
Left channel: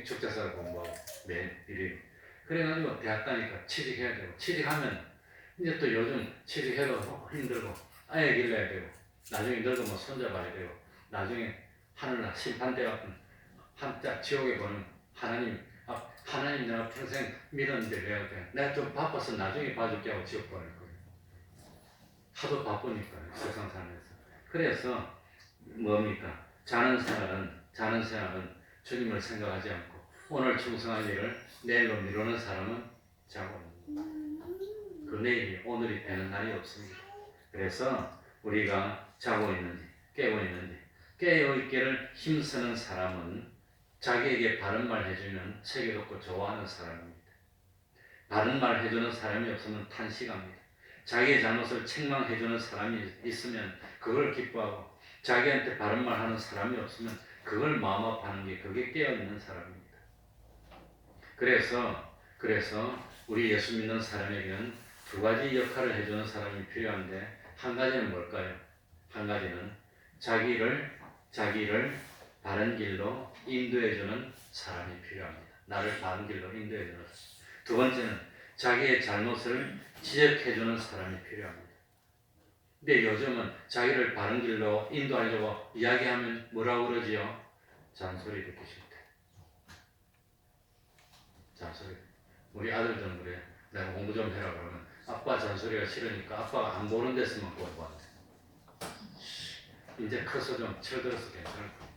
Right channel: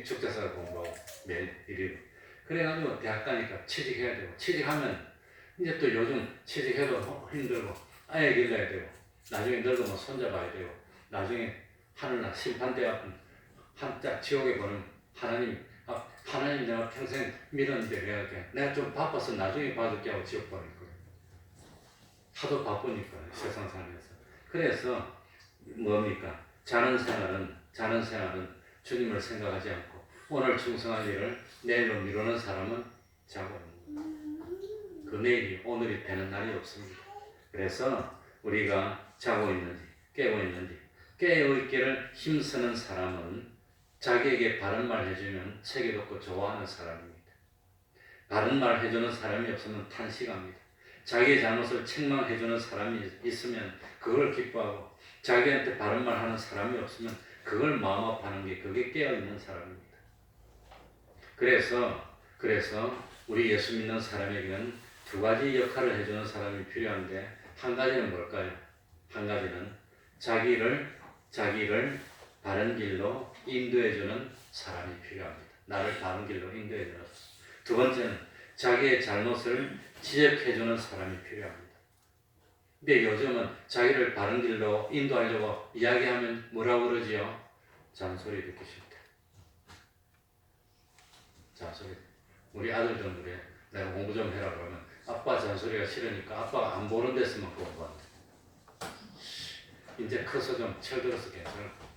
축제사 공부하고 매일 일일. 그래가지고 대학 가니까 취직해야 되고, 취직하면 이제 또 요즘 취직해도 힘들고, 아예 길러야 되고, 나중에 늙으면 손잡아야 되고, 나중에 하늘날 심판대 같은 한자 지옥에 보는 하나님, 하나님 내가 평생 믿었는데 내가 좀 바빠서 나중에 봐줄게 하고 지옥 보낼 거예요. 하도 바쁘니까 세상 살면서. 그래서 뭡니까? 자는 생활은 주님을 생각하지 않고 오늘 충성할 일을 내일로 미루는 사람은 자고 그 내일이 오늘이 되는 날이 없습니다. 그래서 우리가 자고 있는지 깨고 있는지 깨어있기를 힘쓰는 사람은 자기에게 바른 말 해주면 책이 돋고 좋아하는 사람입니다. 바른 말 해주는 사람이 없으면 탄식합니다. 자기의 잘못을 책망해주는 사람이 있으면 그걸 기뻐하고, 자기한테 바른 말 하는 사람이 없으면 그걸 마음 아파하는 게 그게 깨어있는 사람입니다. 그래서 우리 예수 믿는 사람에게는 2가지 역할을 해주는 사람이 필요한데, 한 가지는 뭘까요? 한 가지는 자기를 바른 길로 인도해주는 사람이 필요합니다. 나를 바른 길로 인도해주는 사람. 2번째는 자기의 잘못을 지적해주는 사람이 필요합니다. 근데 요즘은 자기를 바른 길로 인도하려고 이야기하면 뭐라고 그러지요? 잔소리 듣기 싫다. 잔소리. 우리 아들들은 그래. 내가 공부 좀 해라 그러면 아빠 잔소리가 싫으니까 아빠가 안 보는 데서만 공부한대. 이제 커서 좀 철들어서 괜찮을 거야.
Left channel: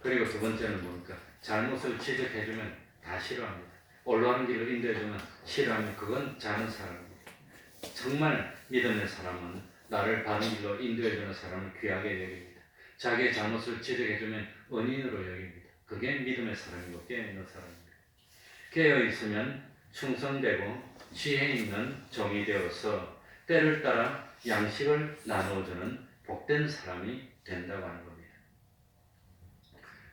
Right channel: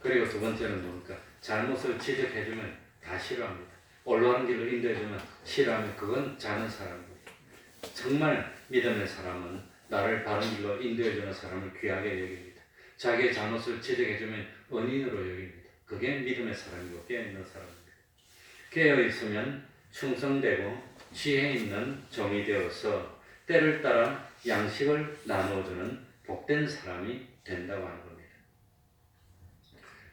그리고 2번째는 뭡니까? 잘못을 지적해주면 다 싫어합니다. 올바른 길로 인도해주면 싫어하면 그건 자는 사람입니다. 정말 믿음의 사람은 나를 바른 길로 인도해주는 사람을 귀하게 여깁니다. 자기의 잘못을 지적해주면 은인으로 여깁니다. 그게 믿음의 사람이고 깨어있는 사람입니다. 깨어있으면 충성되고 지혜 있는 종이 되어서 때를 따라 양식을 나누어주는 복된 사람이 된다고 하는 겁니다.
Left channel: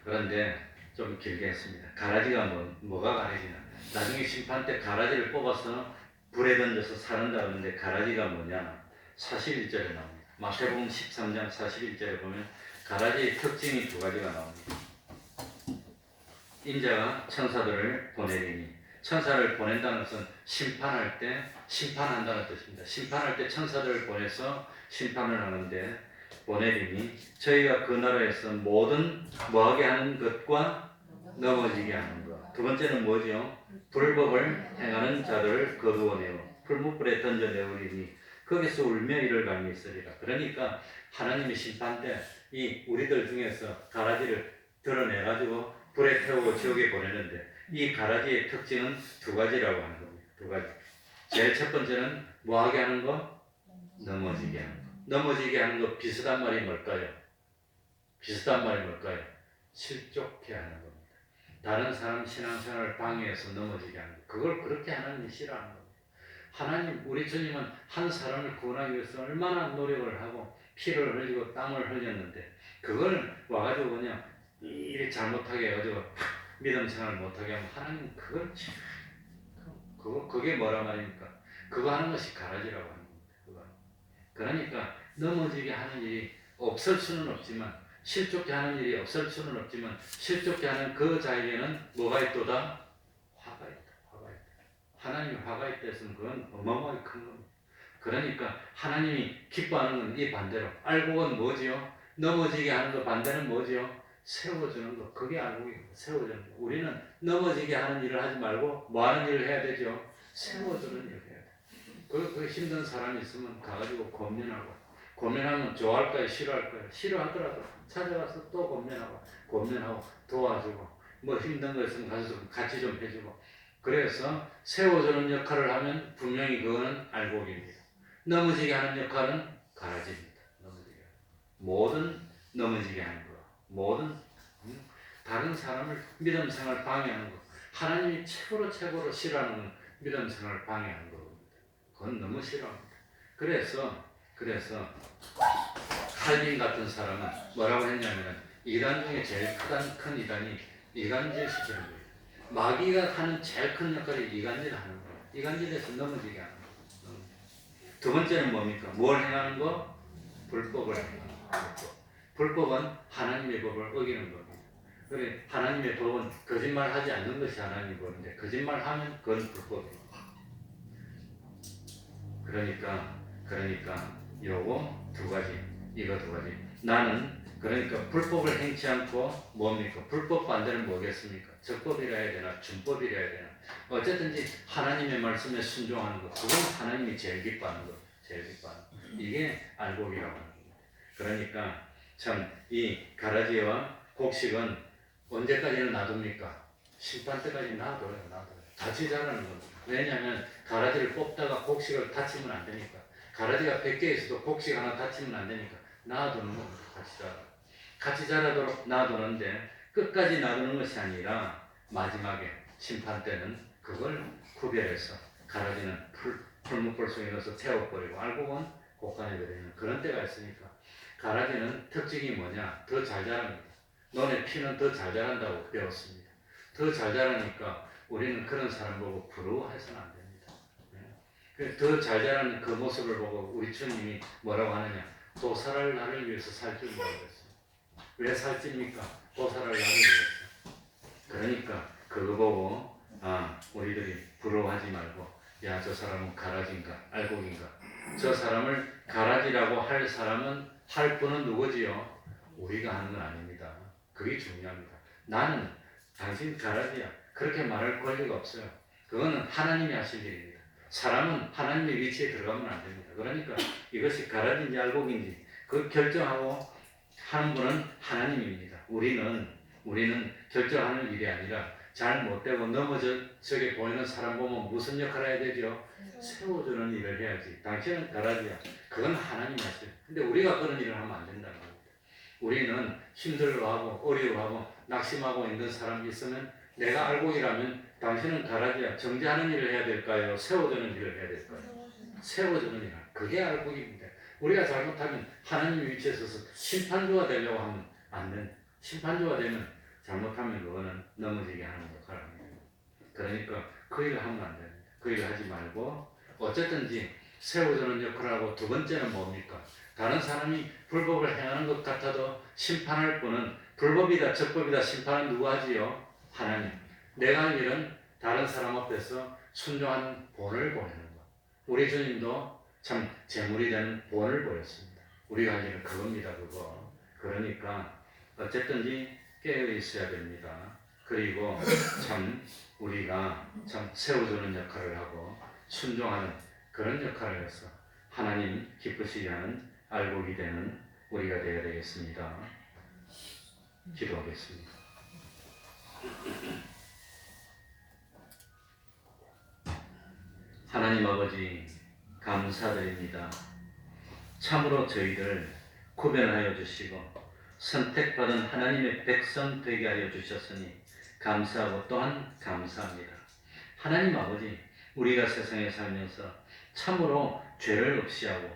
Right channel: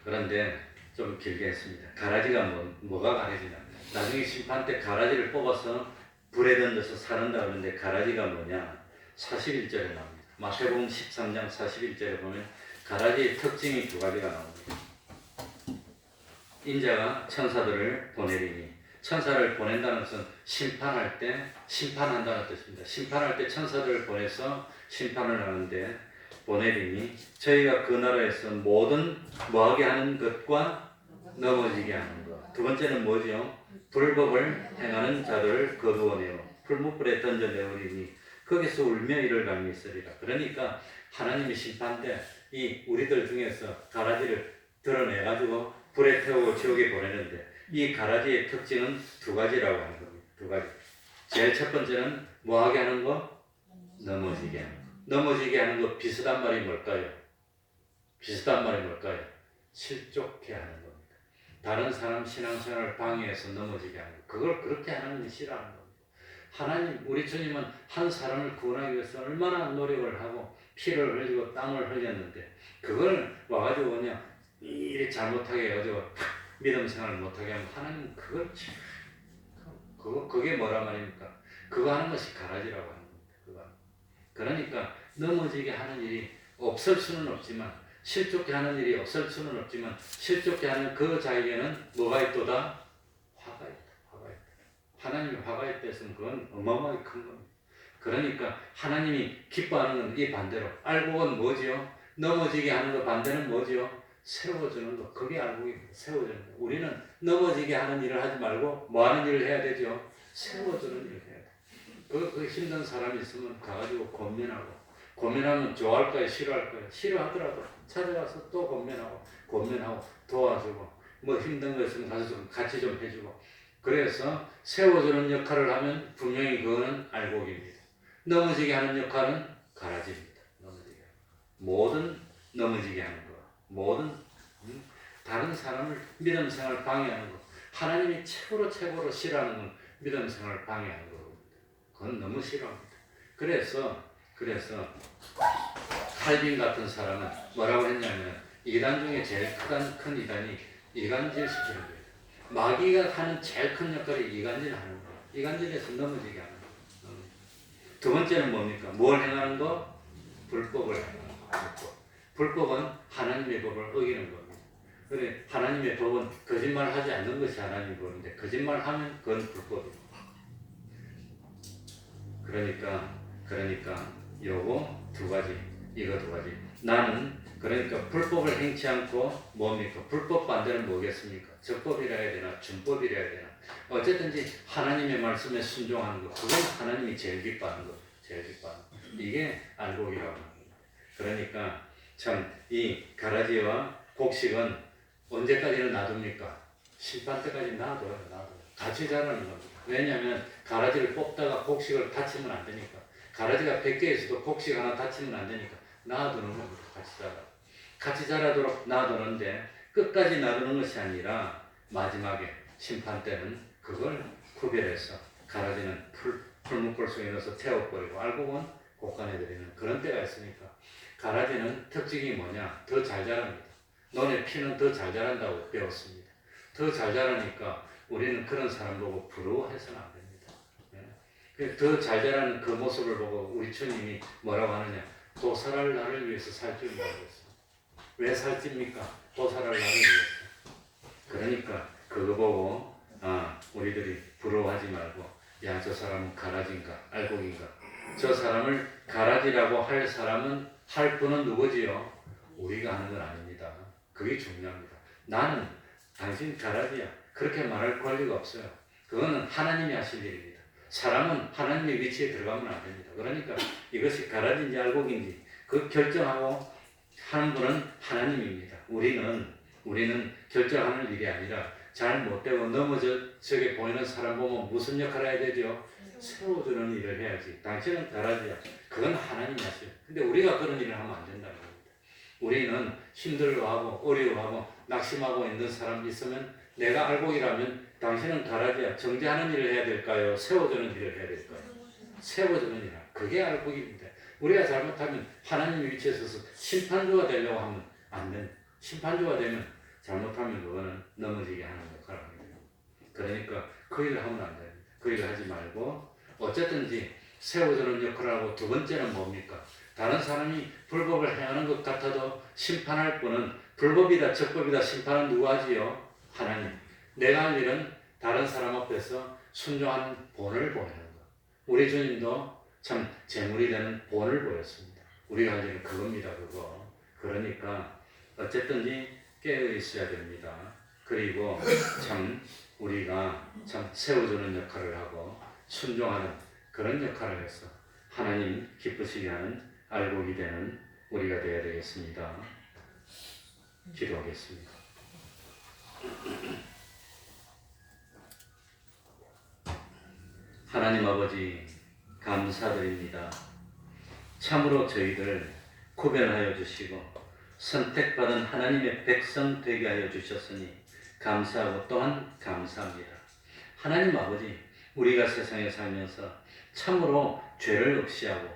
그런데 좀 길게 했습니다. 가라지가 뭐가 가라지냐? 나중에 심판 때 가라지를 뽑아서 불에 던져서 사른다 그러는데 가라지가 뭐냐? 41절에 나옵니다. 마태복음 13장 41절에 보면 가라지의 특징이 2가지가 나옵니다. 인자가 천사들을 보내리니, 천사를 보낸다는 것은 심판할 때 심판한다는 뜻입니다. 심판할 때 천사들을 보내서 심판을 하는데, 보내리니 저희가 그 나라에서 모든 뭐하게 하는 것과 넘어지게 하는 것. 2번째는 뭐죠? 불법을 행하는 자들을 거두어내어 풀무불에 던져내오리니 거기서 울며 이를 갈미 있으리라. 그러니까 하나님의 심판 때 이 우리들 중에서 가라지를 드러내가지고 불에 태우고 지옥에 보내는데, 이 가라지의 특징은 2가지라고 하는 겁니다. 2가지. 제일 첫 번째는 뭐하게 하는 거? 넘어지게 하는 거. 넘어지게 하는 거 비슷한 말이 뭘까요? 비슷한 말이 뭘까요? 실족해 하는 겁니다. 다른 사람 신앙생활을 방해해서 넘어지게 하는 거. 그걸 그렇게 하나님이 싫어하는 겁니다. 하나님, 우리 주님은 한 사람을 구원하기 위해서 얼마나 노력을 하고 피를 흘리고 땀을 흘렸는데, 그걸 와가지고 그냥 이렇게 잘못하게 해가지고 믿음 생활을 못하게 하면 하나님 그게 뭐라 말입니까? 그거 하는 것이 가라지라고 하는 겁니다. 그거. 그러니까 넘어지게 하는 일이 없을 수는 없지만, 실족게 하는 일이 없을 수는 없지만, 실족게 하는 그 자에게는 뭐가 있도다? 화가 있다. 화가 있다. 하나님이 화가 있다 했으면 그건 어마어마하게 큰 겁니다. 그러니까 하나님이 기뻐하는 건 이 반대로, 알곡은 뭐지요? 넘어지게 하는 거 반대는 뭐지요? 세워주는 거. 그게 알곡입니다. 세워주는 거. 우리는 넘어지게 하는 일을 하지 말고 뭐 하는 일을 해야 되죠? 세워주는 일을 해야 돼. 그 힘든 사람이 있으면 가가지고 고민하면 좋아할까요? 싫어할까요? 싫어하더라도 찾아가서 또 고민하고 도와주고, 뭐 힘든 거 있으면 가서 좀 같이 좀 해주고. 그래서 세워주는 역할을 하면 분명히 그거는 알곡입니다. 넘어지게 하는 역할은 가라지입니다. 모든 넘어지게 하는 거, 모든 다른 사람을 믿음 생활 방해하는 것, 하나님이 최고로 싫어하는 건 믿음 생활 방해하는 겁니다. 그건 너무 싫어합니다. 그래서 그래서 칼빈 같은 사람은 뭐라고 했냐면 이단 중에 제일 큰 이단이 이간질 시키는 거예요. 마귀가 하는 제일 큰 역할이 이간질 하는 거예요. 이간질에서 넘어지게 하는 거예요. 두 번째는 뭡니까? 뭘 행하는 거? 불법을 행하는 거. 불법은 하나님의 법을 어기는 겁니다. 그래 하나님의 법은 거짓말을 하지 않는 것이 하나님의 법인데 거짓말하면 그건 불법입니다. 그러니까 요거 두 가지, 이거 두 가지. 나는 그러니까 불법을 행치 않고 뭡니까? 불법 반대는 뭐겠습니까? 적법이라 해야 되나 준법이라 해야 되나? 어쨌든지 하나님의 말씀에 순종하는 것, 그건 하나님이 제일 기뻐하는 것, 제일 기뻐하는 것. 이게 알곡이라고 하는 겁니다. 그러니까 참 이 가라지와 곡식은 언제까지는 놔둡니까? 심판 때까지 놔둬요. 같이 자라는 겁니다. 왜냐하면 가라지를 뽑다가 곡식을 다치면 안 되니까. 가라지가 100개 있어도 곡식 하나 다치면 안 되니까 놔두는 겁니다. 같이 자라도록 놔두는데 끝까지 놔두는 것이 아니라 마지막에 심판 때는 그걸 구별해서 가라지는 풀무불 속에 넣어서 태워버리고 알곡은 곳간해버리는 그런 때가 있으니까 가라지는 특징이 뭐냐? 더 잘 자랍니다. 너네 피는 더 잘 자란다고 배웠습니다. 더 잘 자라니까 우리는 그런 사람 보고 부러워해서는 안 됩니다. 더 잘 자라는 그 모습을 보고 우리 주님이 뭐라고 하느냐? 도살할 나를 위해서 살 줄 모르겠어. 왜 살찝니까? 도살할 나를 위해서. 그러니까 그거 보고 우리들이 부러워하지 말고 야, 저 사람은 가라지인가 알곡인가? 저 사람을 가라지라고 할 사람은 할 분은 누구지요? 우리가 하는 건 아닙니다. 그게 중요합니다. 나는 당신 가라지야. 그렇게 말할 권리가 없어요. 그거는 하나님이 하실 일입니다. 사람은 하나님의 위치에 들어가면 안 됩니다. 그러니까 이것이 가라지인지 알곡인지 그 결정하고 하는 분은 하나님입니다. 우리는 결정하는 일이 아니라 잘 못되고 넘어져게 보이는 사람 보면 무슨 역할을 해야 되죠? 세워주는 일을 해야지. 당신은 가라지야. 그건 하나님이 하시요. 근데 우리가 그런 일을 하면 안 된다는 겁니다. 우리는 힘들어하고 어려워하고 낙심하고 있는 사람이 있으면 내가 알곡이라면 당신은 가라지야. 정죄하는 일을 해야 될까요? 세워주는 일을 해야 될까요? 세워주는 일. 그게 알곡입니다. 우리가 잘못하면 하나님 위치에 서서 심판주가 되려고 하면 안 돼. 심판주가 되면 잘못하면 그거는 넘어지게 하는 역할을 합니다. 그러니까 그 일을 하면 안 됩니다. 그 일을 하지 말고 어쨌든지 세워주는 역할을 하고 두 번째는 뭡니까? 다른 사람이 불법을 행하는 것 같아도 심판할 분은 불법이다 적법이다 심판은 누가 하지요? 하나님. 내가 할 일은 다른 사람 앞에서 순종하는 본을 보이는 것. 우리 주님도 참 제물이 되는 본을 보였습니다. 우리가 할 일은 그겁니다. 그거. 그러니까 어쨌든지 깨어 있어야 됩니다. 그리고 참 우리가 참 세워주는 역할을 하고 순종하는 그런 역할을 해서 하나님 기쁘시게 하는 알곡이 되는 우리가 되어야 되겠습니다. 기도하겠습니다. 하나님 아버지 감사드립니다. 참으로 저희들 구별하여 주시고 선택받은 하나님의 백성 되게 하여 주셨으니 감사하고 또한 감사합니다. 하나님 아버지, 우리가 세상에 살면서 참으로 죄를 없이하고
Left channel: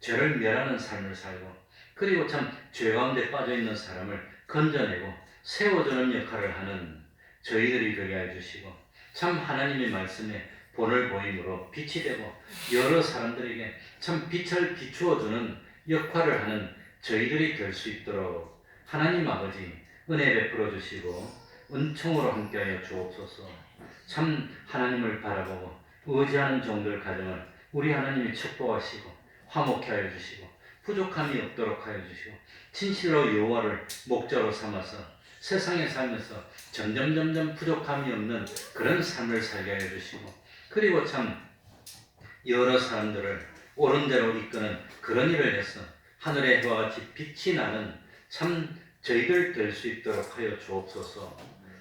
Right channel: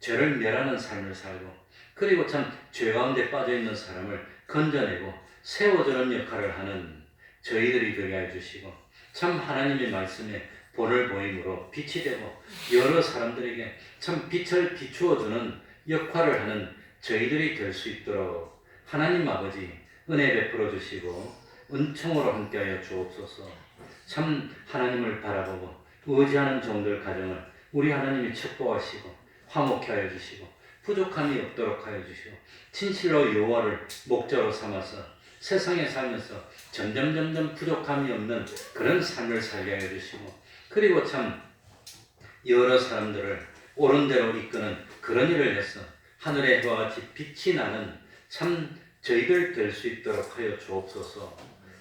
죄를 멸하는 삶을 살고 그리고 참 죄 가운데 빠져있는 사람을 건져내고 세워주는 역할을 하는 저희들이 되게 해주시고 참 하나님의 말씀에 본을 보임으로 빛이 되고 여러 사람들에게 참 빛을 비추어주는 역할을 하는 저희들이 될 수 있도록 하나님 아버지 은혜 베풀어 주시고 은총으로 함께하여 주옵소서. 참 하나님을 바라보고 의지하는 종들 가정을 우리 하나님이 축복하시고 화목케 하여 주시고 부족함이 없도록 하여 주시고 진실로 여호와를 목자로 삼아서 세상에 살면서 점점 부족함이 없는 그런 삶을 살게 하여 주시고 그리고 참 여러 사람들을 옳은 대로 이끄는 그런 일을 해서 하늘의 해와 같이 빛이 나는 참 저희들 될 수 있도록 하여 주옵소서.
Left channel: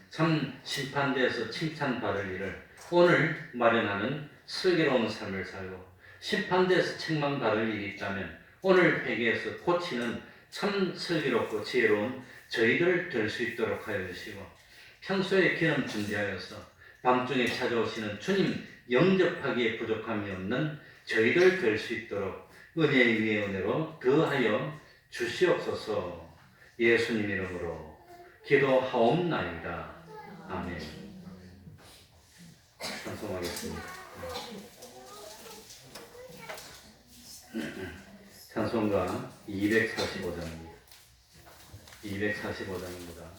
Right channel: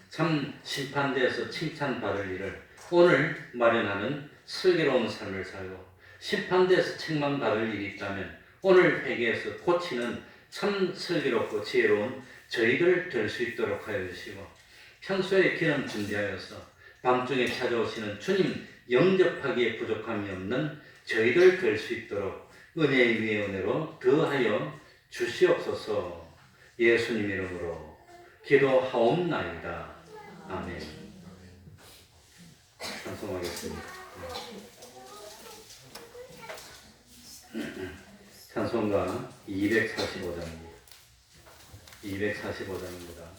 참 심판대에서 칭찬받을 일을 오늘 마련하는 슬기로운 삶을 살고 심판대에서 책망받을 일이 있다면 오늘 회개에서 고치는 참 슬기롭고 지혜로운 저희들 될 수 있도록 하여 주시고 평소에 기름 준비하여서 밤중에 찾아오시는 주님 영접하기에 부족함이 없는 저희들 될 수 있도록 은혜 위에 은혜로 더하여 주시옵소서. 예수님 이름으로 기도하옵나이다. 아멘. 찬송하겠습니다. 찬송가 245장입니다. 245장입니다.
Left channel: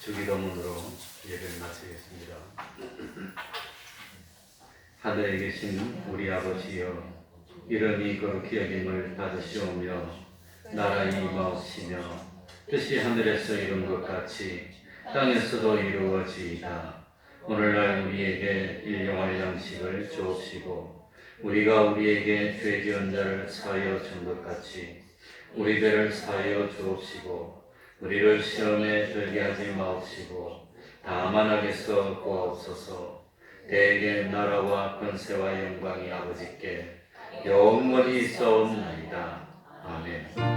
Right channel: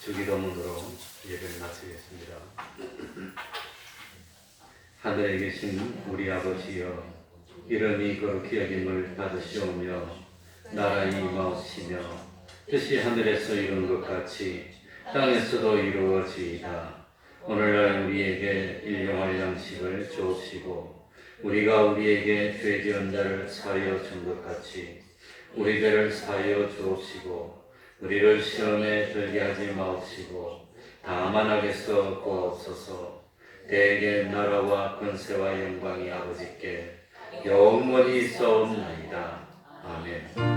주기도문으로 예배를 마치겠습니다. 하늘에 계신 우리 아버지여, 이름이 거룩히 여김을 받으시오며 나라의 임하옵시며 뜻이 하늘에서 이룬 것 같이 땅에서도 이루어지이다. 오늘날 우리에게 일용할 양식을 주옵시고 우리가 우리에게 죄 지은 자를 사하여 준 것 같이 우리 죄를 사하여 주옵시고 우리를 시험에 들게 하지 마옵시고 다만 악에서 구하옵소서. 대개 나라와 권세와 영광이 아버지께 영원히 있사옵나이다. 아멘.